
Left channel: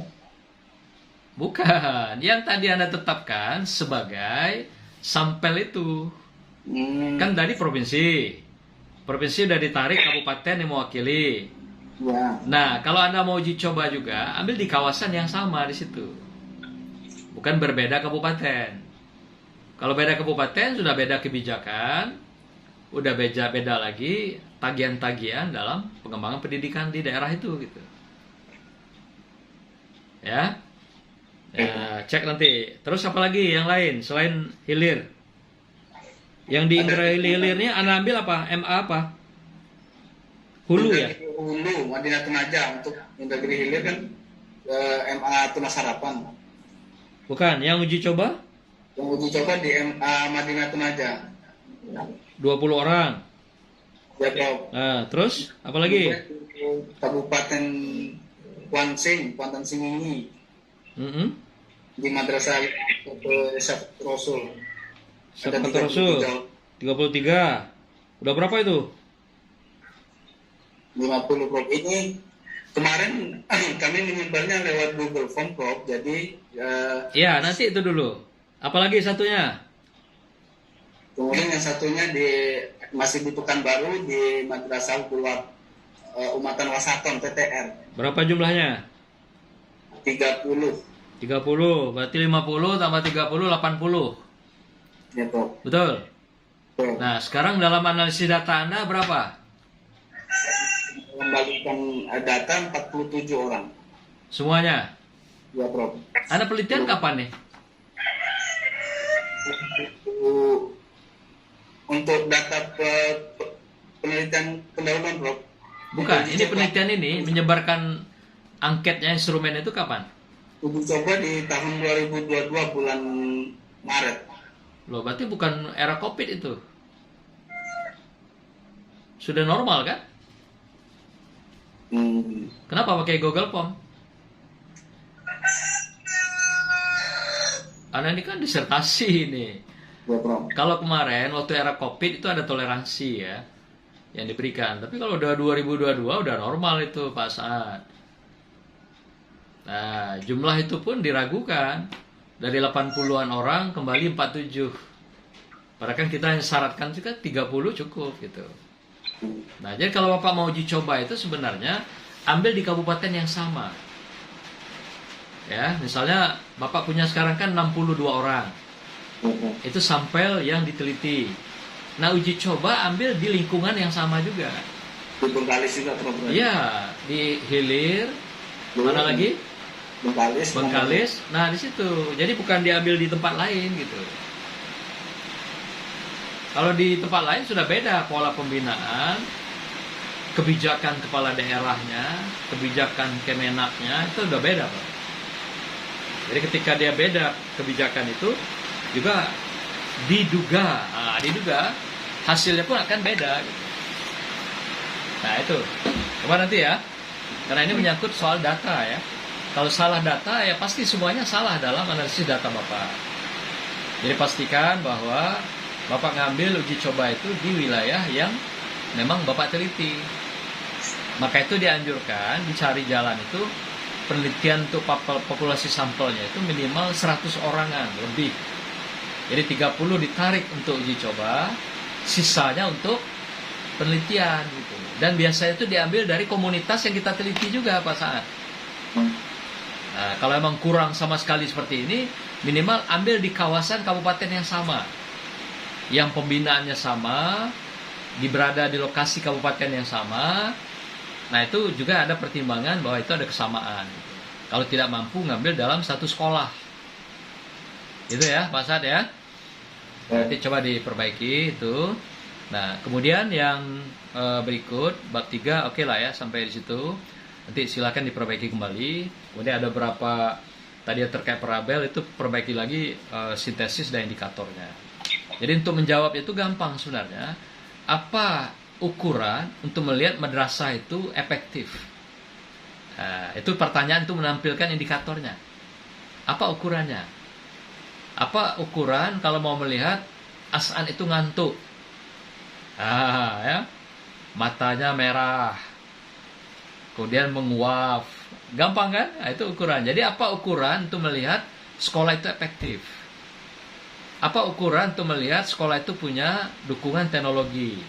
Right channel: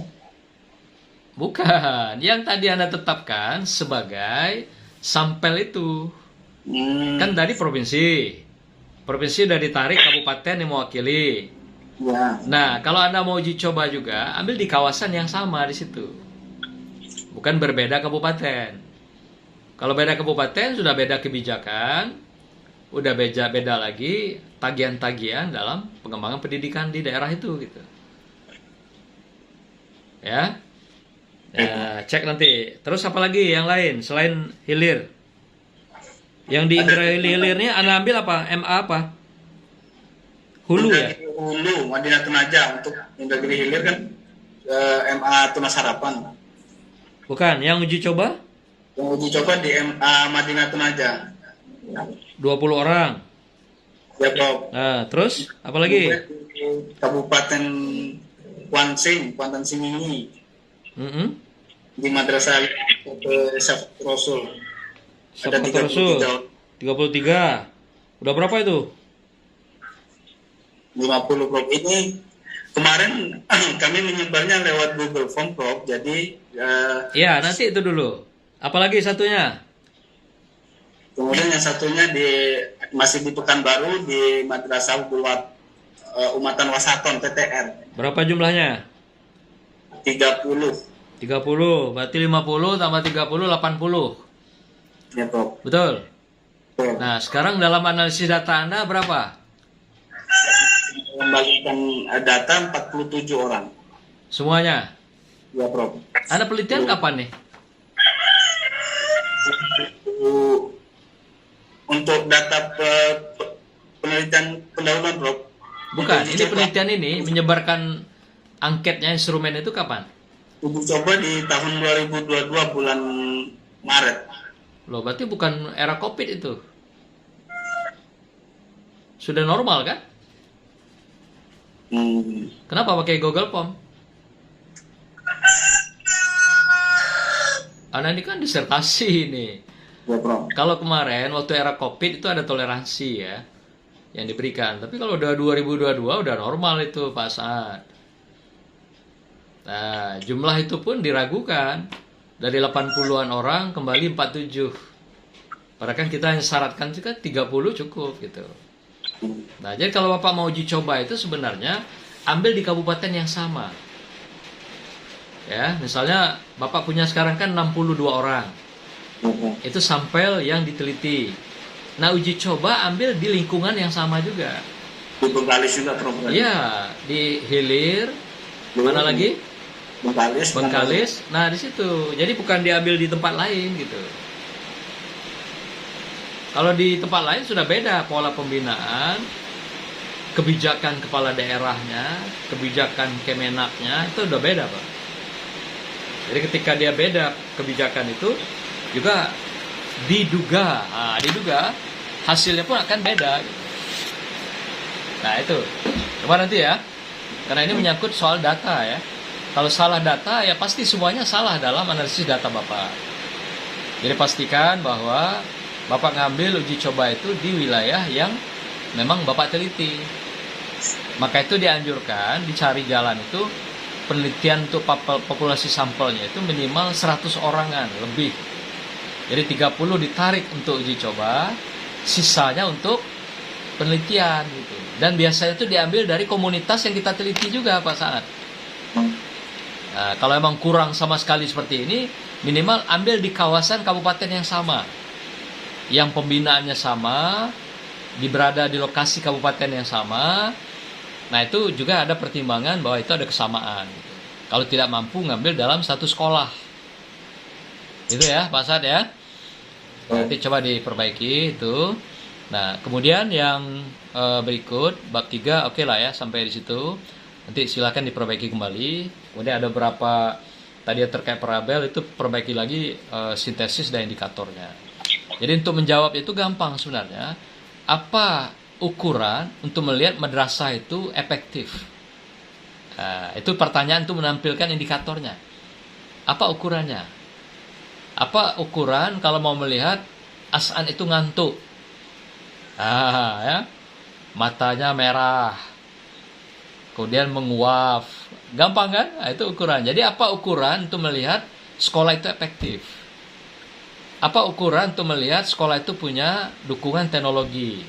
Bukan. Yang tadi Anda tetapkan sebagai sampel itu. Kan tadi provinsi. Provinsi udah ditarik, kabupaten yang mewakili. Ya. Nah, kalau Anda mau uji coba juga, ambil di kawasan yang sama di situ. Bukan berbeda kabupaten. Kalau beda kabupaten, sudah beda kebijakan, udah beda lagi tagihan-tagihan dalam pengembangan pendidikan di daerah itu gitu. Ya. Ya, cek nanti. Terus apa lagi yang lain selain hilir? Yang di Indragiri hilirnya Anda ambil apa? MA apa? Hulu ya? Hulu, Madinatun Najah. Untuk Indragiri Hilir kan MA Tunas Harapan. Bukan, yang uji coba? Yang uji coba di MA Madinatun Najah. 20 orang. Ya, Prof. Nah, terus apa lagi? Kabupaten Kuantan Singingi. Di Madrasah Sahabat Rasul. Ada Sahabat Rasul 33. Udah berapa itu? 50, Prof. Ini kemarin kami menyebarnya lewat Google Form, Prof. Jadi Ya, nanti itu dulu. Apalagi satunya? kemudian yang satunya masih di Pekanbaru di Madrasah Buat Umatan Wasaton PTR. Berapa jumlahnya? 30. 30. Berarti 50 tambah 30 80. Ya, Prof. Betul. Prof. Nah, sekarang dalam analisis data Anda berapa? Kembalikan data 47 orang. Semuanya? Ya, Prof. Anda penelitian kapan nih? Untuk data penelitian pendahuluan, Prof. Bukan, ini penelitian ini menyebarkan angketnya instrumen itu kapan? Uji coba di tahun 2022 bulan Maret. Loh, berarti bukan era Covid itu. Sudah normal kan? Kenapa pakai Google Form? Anak ini kan disertasi ini. Ya, Prof. Kalau kemarin waktu era COVID itu ada toleransi ya yang diberikan. Tapi kalau udah 2022 udah normal itu Pak Saad. Nah, jumlah itu pun diragukan. Dari 80-an orang kembali 47. Padahal kan kita yang syaratkan juga 30 cukup gitu. Nah, jadi kalau Bapak mau uji coba itu sebenarnya ambil di kabupaten yang sama. Ya, misalnya Bapak punya sekarang kan 62 orang. Itu sampel yang diteliti. Nah, uji coba ambil di lingkungan yang sama juga. Di Bengkalis juga, Prof. Iya, di Hilir, mana lagi? Bengkalis. Nah, di situ. Jadi bukan diambil di tempat lain gitu. Kalau di tempat lain sudah beda pola pembinaan, kebijakan kepala daerahnya, kebijakan Kemenaknya itu udah beda, Pak. Jadi ketika dia beda kebijakan itu juga diduga hasilnya pun akan beda. Gitu. Nah itu, coba nanti ya, karena ini menyangkut soal data ya. Kalau salah data ya pasti semuanya salah dalam analisis data Bapak. Jadi pastikan bahwa Bapak ngambil uji coba itu di wilayah yang memang Bapak teliti. Maka itu dianjurkan dicari jalan itu penelitian untuk populasi sampelnya itu minimal 100 orangan lebih. Jadi 30 ditarik untuk uji coba, sisanya untuk penelitian gitu. Dan biasanya itu diambil dari komunitas yang kita teliti juga Pak Saad. Nah, kalau emang kurang sama sekali seperti ini, minimal ambil di kawasan kabupaten yang sama. Yang pembinaannya sama, berada di lokasi kabupaten yang sama. Nah, itu juga ada pertimbangan bahwa itu ada kesamaan. Gitu. Kalau tidak mampu ngambil dalam satu sekolah. Itu ya, Pak Saad ya. Nanti coba diperbaiki itu. Nah, kemudian yang berikut bab 3 oke lah ya sampai di situ. Nanti silakan diperbaiki kembali. Kemudian ada beberapa tadi yang terkait parabel itu perbaiki lagi sintesis dan indikatornya. Jadi untuk menjawab itu gampang sebenarnya. Apa ukuran untuk melihat madrasah itu efektif? Nah, itu pertanyaan untuk menampilkan indikatornya. Apa ukurannya? Apa ukuran kalau mau melihat As'an itu ngantuk? Ya. Matanya merah. Kemudian menguap. Gampang kan? Nah, itu ukuran. Jadi apa ukuran untuk melihat sekolah itu efektif? Apa ukuran untuk melihat sekolah itu punya dukungan teknologi?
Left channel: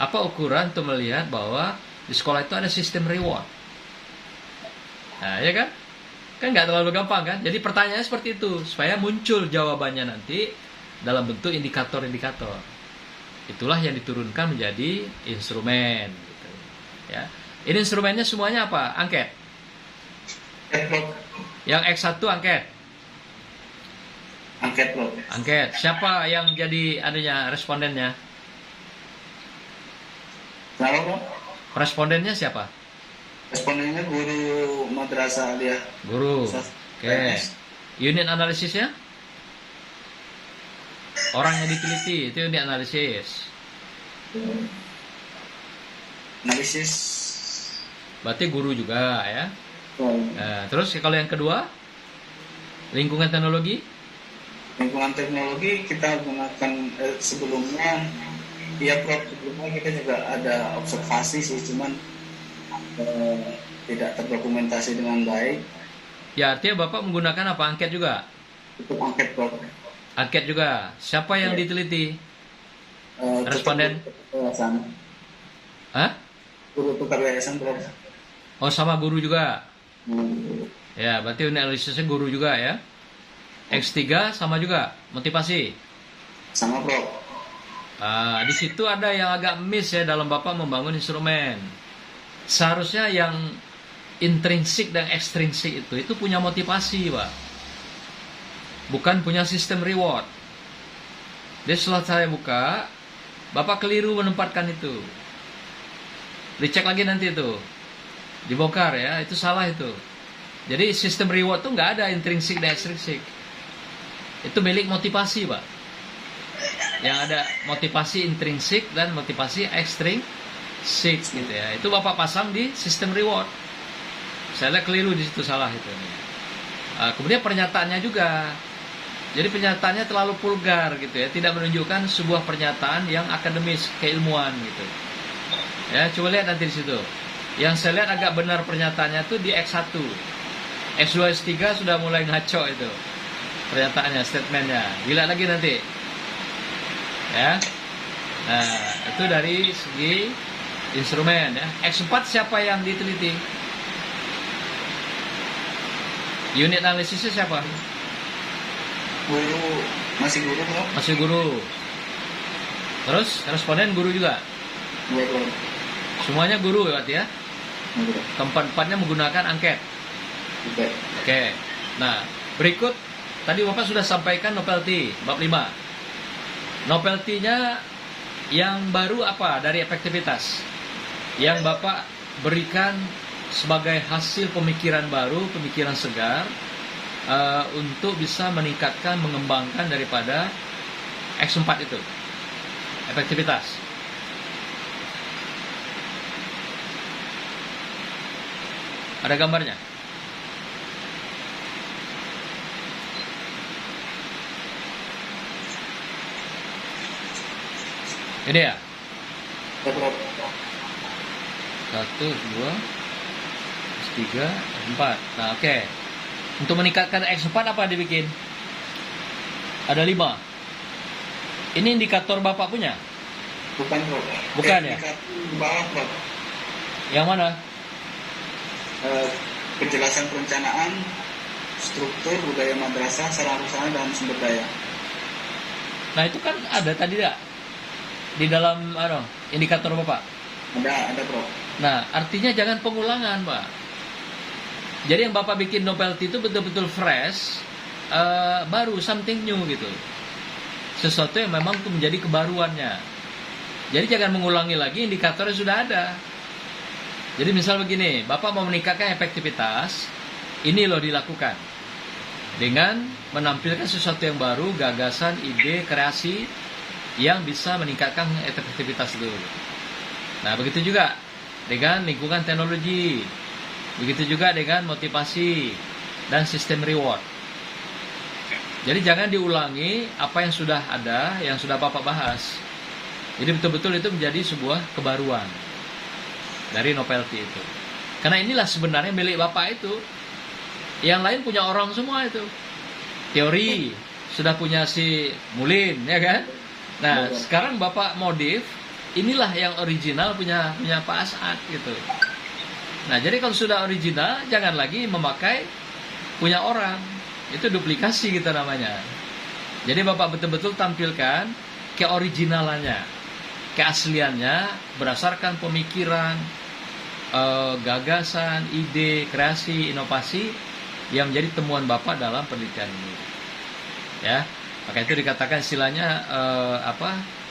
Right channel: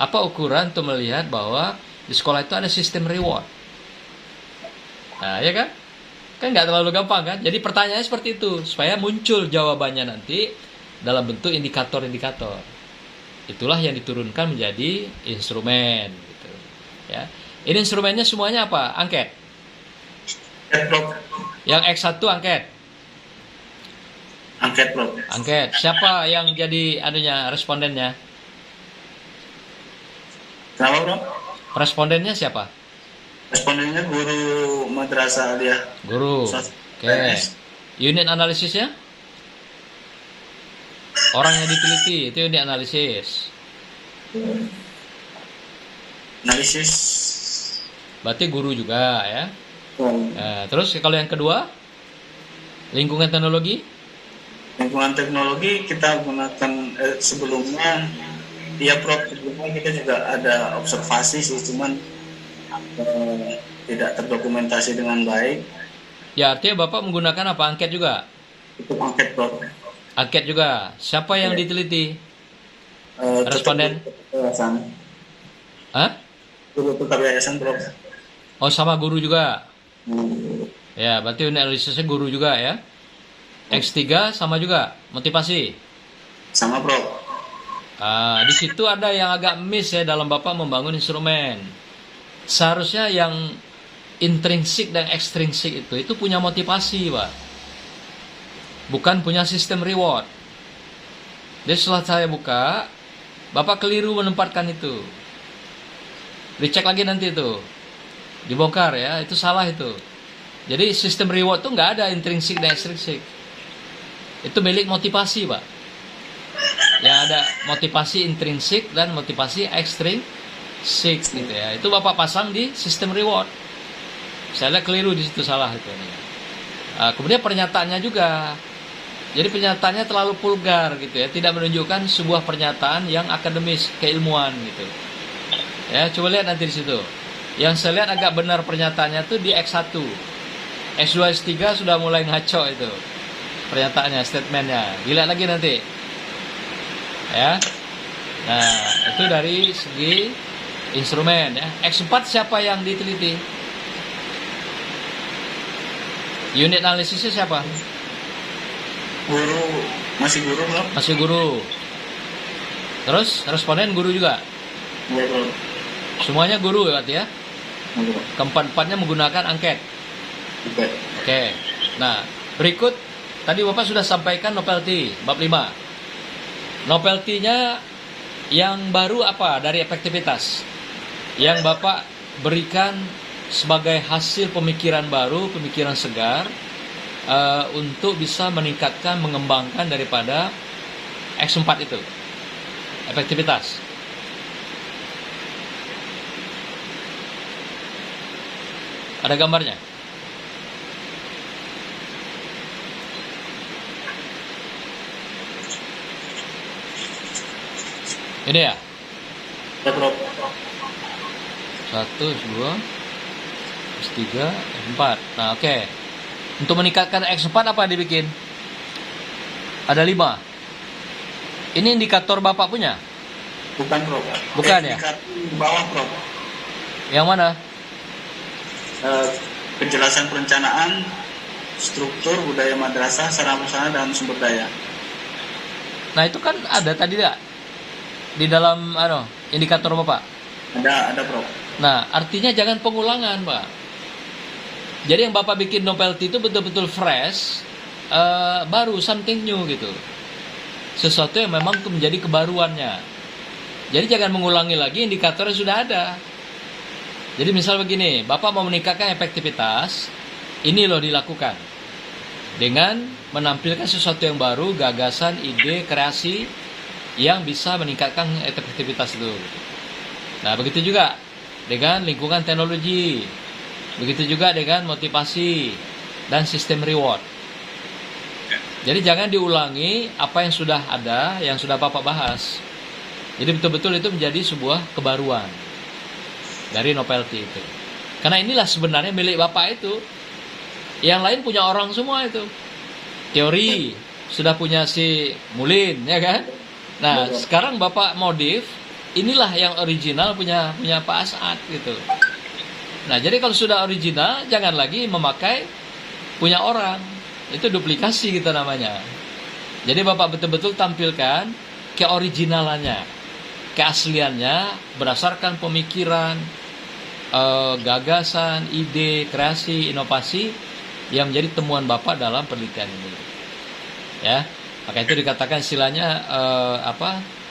Apa ukuran untuk melihat bahwa di sekolah itu ada sistem reward? Nah, ya kan? Kan nggak terlalu gampang kan? Jadi pertanyaannya seperti itu, supaya muncul jawabannya nanti dalam bentuk indikator-indikator. Itulah yang diturunkan menjadi instrumen. Gitu. Ya. Ini instrumennya semuanya apa? Angket. Yang X1 angket. Angket, Prof. Angket. Siapa yang jadi respondennya? Kenapa, Prof? Respondennya siapa? Respondennya guru Madrasah Aliyah. Guru. Oke. Unit analisisnya? Orang yang diteliti, itu unit analisis. Analisis. Berarti guru juga ya. Nah, terus kalau yang kedua? Lingkungan teknologi? Lingkungan teknologi kita gunakan sebelumnya. Ya, Prof, sebelumnya kita juga ada observasi sih, cuman tidak terdokumentasi dengan baik. Ya, artinya Bapak menggunakan apa? Angket juga? Itu angket, Prof. Angket juga. Siapa yang diteliti? Responden? Yayasan. Hah? Guru tukar yayasan, Prof. Oh, sama guru juga? Ya, berarti unit analisisnya guru juga ya? X3 sama juga? Motivasi? Sama, Prof. Di situ ada yang agak miss ya dalam Bapak membangun instrumen. Seharusnya yang intrinsik dan ekstrinsik itu punya motivasi, Pak. Bukan punya sistem reward. Jadi setelah saya buka, Bapak keliru menempatkan itu. Dicek lagi nanti itu. Dibongkar ya, itu salah itu. Jadi sistem reward itu nggak ada intrinsik dan ekstrinsik. Itu milik motivasi, Pak. Yang ada motivasi intrinsik dan motivasi 6 gitu ya. Itu Bapak pasang di sistem reward. Saya lihat keliru di situ, salah itu. Kemudian pernyataannya juga. Jadi pernyataannya terlalu vulgar gitu ya, tidak menunjukkan sebuah pernyataan yang akademis, keilmuan gitu. Ya, coba lihat nanti di situ. Yang saya lihat agak benar pernyataannya tuh di X1. X2, X3 sudah mulai ngaco itu. Pernyataannya, statementnya. Dilihat lagi nanti. Ya. Nah, itu dari segi instrumen ya. X4 siapa yang diteliti? Unit analisisnya siapa? Guru, masih guru belum? Masih guru. Terus responden guru juga. Iya belum. Semuanya guru ya, berarti ya. Belum. Keempat-empatnya menggunakan angket. Oke. Oke. Nah, berikut tadi Bapak sudah sampaikan novelty bab 5. Novelty-nya yang baru apa dari efektivitas? Yang Bapak berikan sebagai hasil pemikiran baru, pemikiran segar untuk bisa meningkatkan, mengembangkan daripada X4 itu. Efektivitas. Ada gambarnya? Ini ya? Ya belum. 1, 2, 3, 4. Nah, oke. Untuk meningkatkan X4 apa dibikin? Ada 5. Ini indikator Bapak punya? Bukan bro. Bukan ya? Di bawah bro. Yang mana? Penjelasan perencanaan, struktur, budaya madrasah, sarana prasarana dan sumber daya. Nah, itu kan ada tadi tidak? Di dalam indikator Bapak. Ada bro. Nah, artinya jangan pengulangan, Pak. Jadi yang Bapak bikin novelty itu betul-betul fresh, baru, something new gitu. Sesuatu yang memang itu menjadi kebaruannya. Jadi jangan mengulangi lagi indikator yang sudah ada. Jadi misal begini, Bapak mau meningkatkan efektivitas, ini loh dilakukan. Dengan menampilkan sesuatu yang baru, gagasan, ide, kreasi, yang bisa meningkatkan efektivitas itu. Nah, begitu juga dengan lingkungan teknologi. Begitu juga dengan motivasi dan sistem reward. Jadi jangan diulangi apa yang sudah ada, yang sudah Bapak bahas. Jadi betul-betul itu menjadi sebuah kebaruan dari novelty itu. Karena inilah sebenarnya milik Bapak itu. Yang lain punya orang semua itu. Teori sudah punya si Mulin, ya kan? Nah, sekarang Bapak modif, inilah yang original punya Pak As'ad gitu. Nah, jadi kalau sudah original, jangan lagi memakai punya orang. Itu duplikasi kita namanya. Jadi Bapak betul-betul tampilkan keoriginalannya, keasliannya berdasarkan pemikiran, gagasan, ide, kreasi, inovasi yang menjadi temuan Bapak dalam penelitian ini. Ya, maka itu dikatakan istilahnya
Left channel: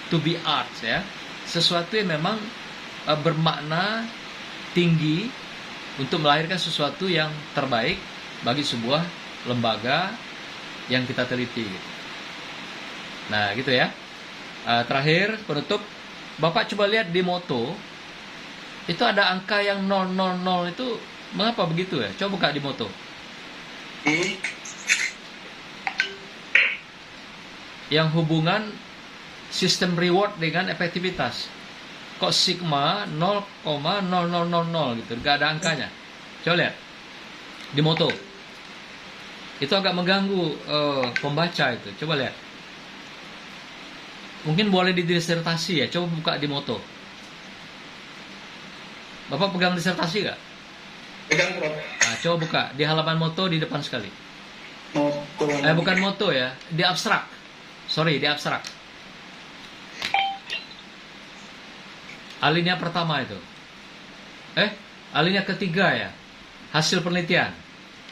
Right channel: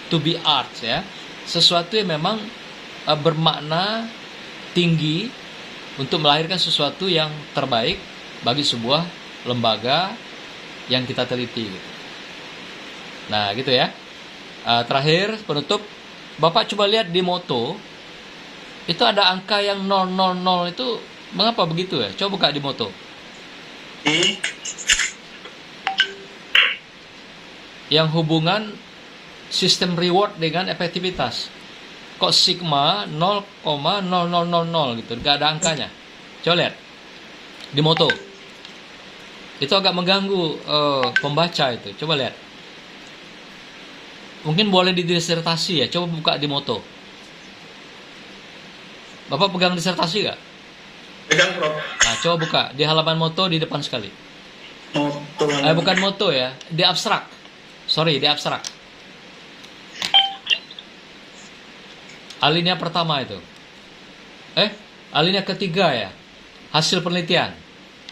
to be art ya. Sesuatu yang memang bermakna tinggi untuk melahirkan sesuatu yang terbaik bagi sebuah lembaga yang kita teliti. Nah, gitu ya. Terakhir, penutup, Bapak coba lihat di moto, itu ada angka yang 000 itu, mengapa begitu ya? Coba buka di moto. Yang hubungan sistem reward dengan efektivitas. Kok sigma 0,0000 gitu, gak ada angkanya. Coba lihat di moto. Itu agak mengganggu pembaca itu. Coba lihat. Mungkin boleh di disertasi ya. Coba buka di moto. Bapak pegang disertasi gak? Pegang bro. Nah, coba buka di halaman moto di depan sekali. Bukan moto ya, di abstrak. Sorry, di abstrak. Alinea pertama itu. Alinea ketiga ya. Hasil penelitian.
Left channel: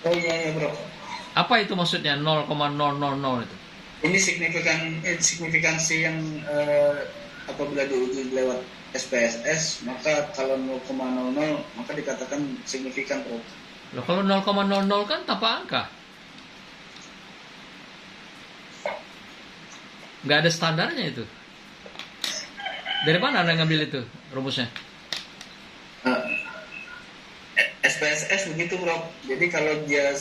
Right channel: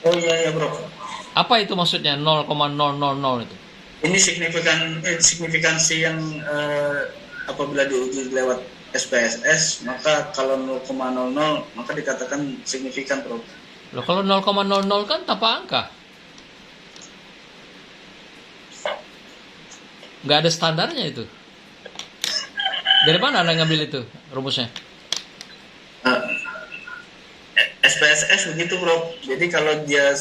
Oh iya bro. Apa itu maksudnya 0,000 itu? Ini signifikansi yang apabila diuji lewat SPSS, maka kalau 0,00 maka dikatakan signifikan bro. Loh, kalau 0,00 kan tanpa angka. Nggak ada standarnya itu. Dari mana Anda ngambil itu rumusnya? SPSS begitu bro. Jadi kalau dia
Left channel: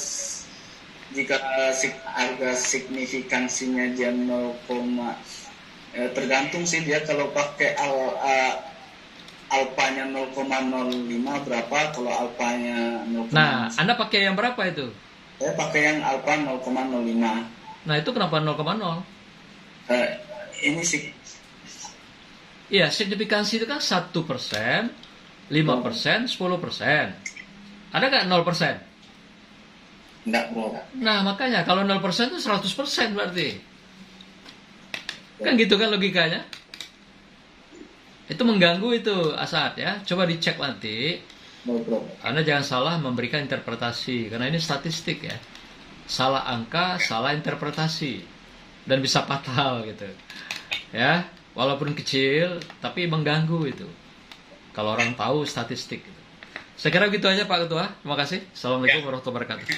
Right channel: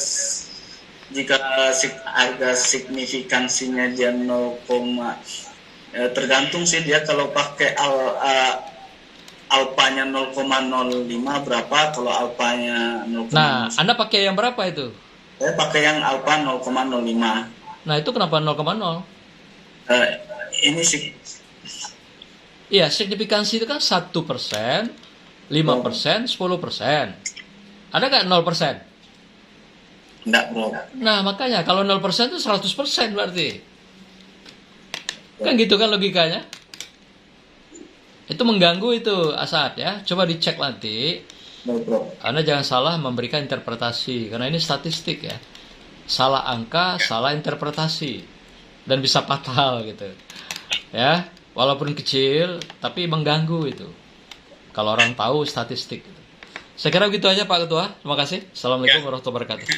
jika harga signifikansinya dia 0, tergantung sih dia kalau pakai alpanya 0,05 berapa, kalau alpanya 0, Nah, Anda pakai yang berapa itu? saya pakai yang alpa 0,05. Nah, itu kenapa 0,0? Ini sih Iya, signifikansi itu kan 1%, 5%, 10%. Ada nggak 0%? enggak bro. Nah, makanya kalau 0% itu 100% berarti. Kan gitu kan logikanya? Itu mengganggu itu, Asad ya. Coba dicek nanti. Bro. Anda jangan salah memberikan interpretasi, karena ini statistik ya. Salah angka, salah interpretasi. Dan bisa fatal gitu. Ya, walaupun kecil, tapi mengganggu itu. Kalau orang tahu statistik gitu. Saya kira begitu aja Pak Ketua. Terima kasih. Assalamualaikum warahmatullahi wabarakatuh.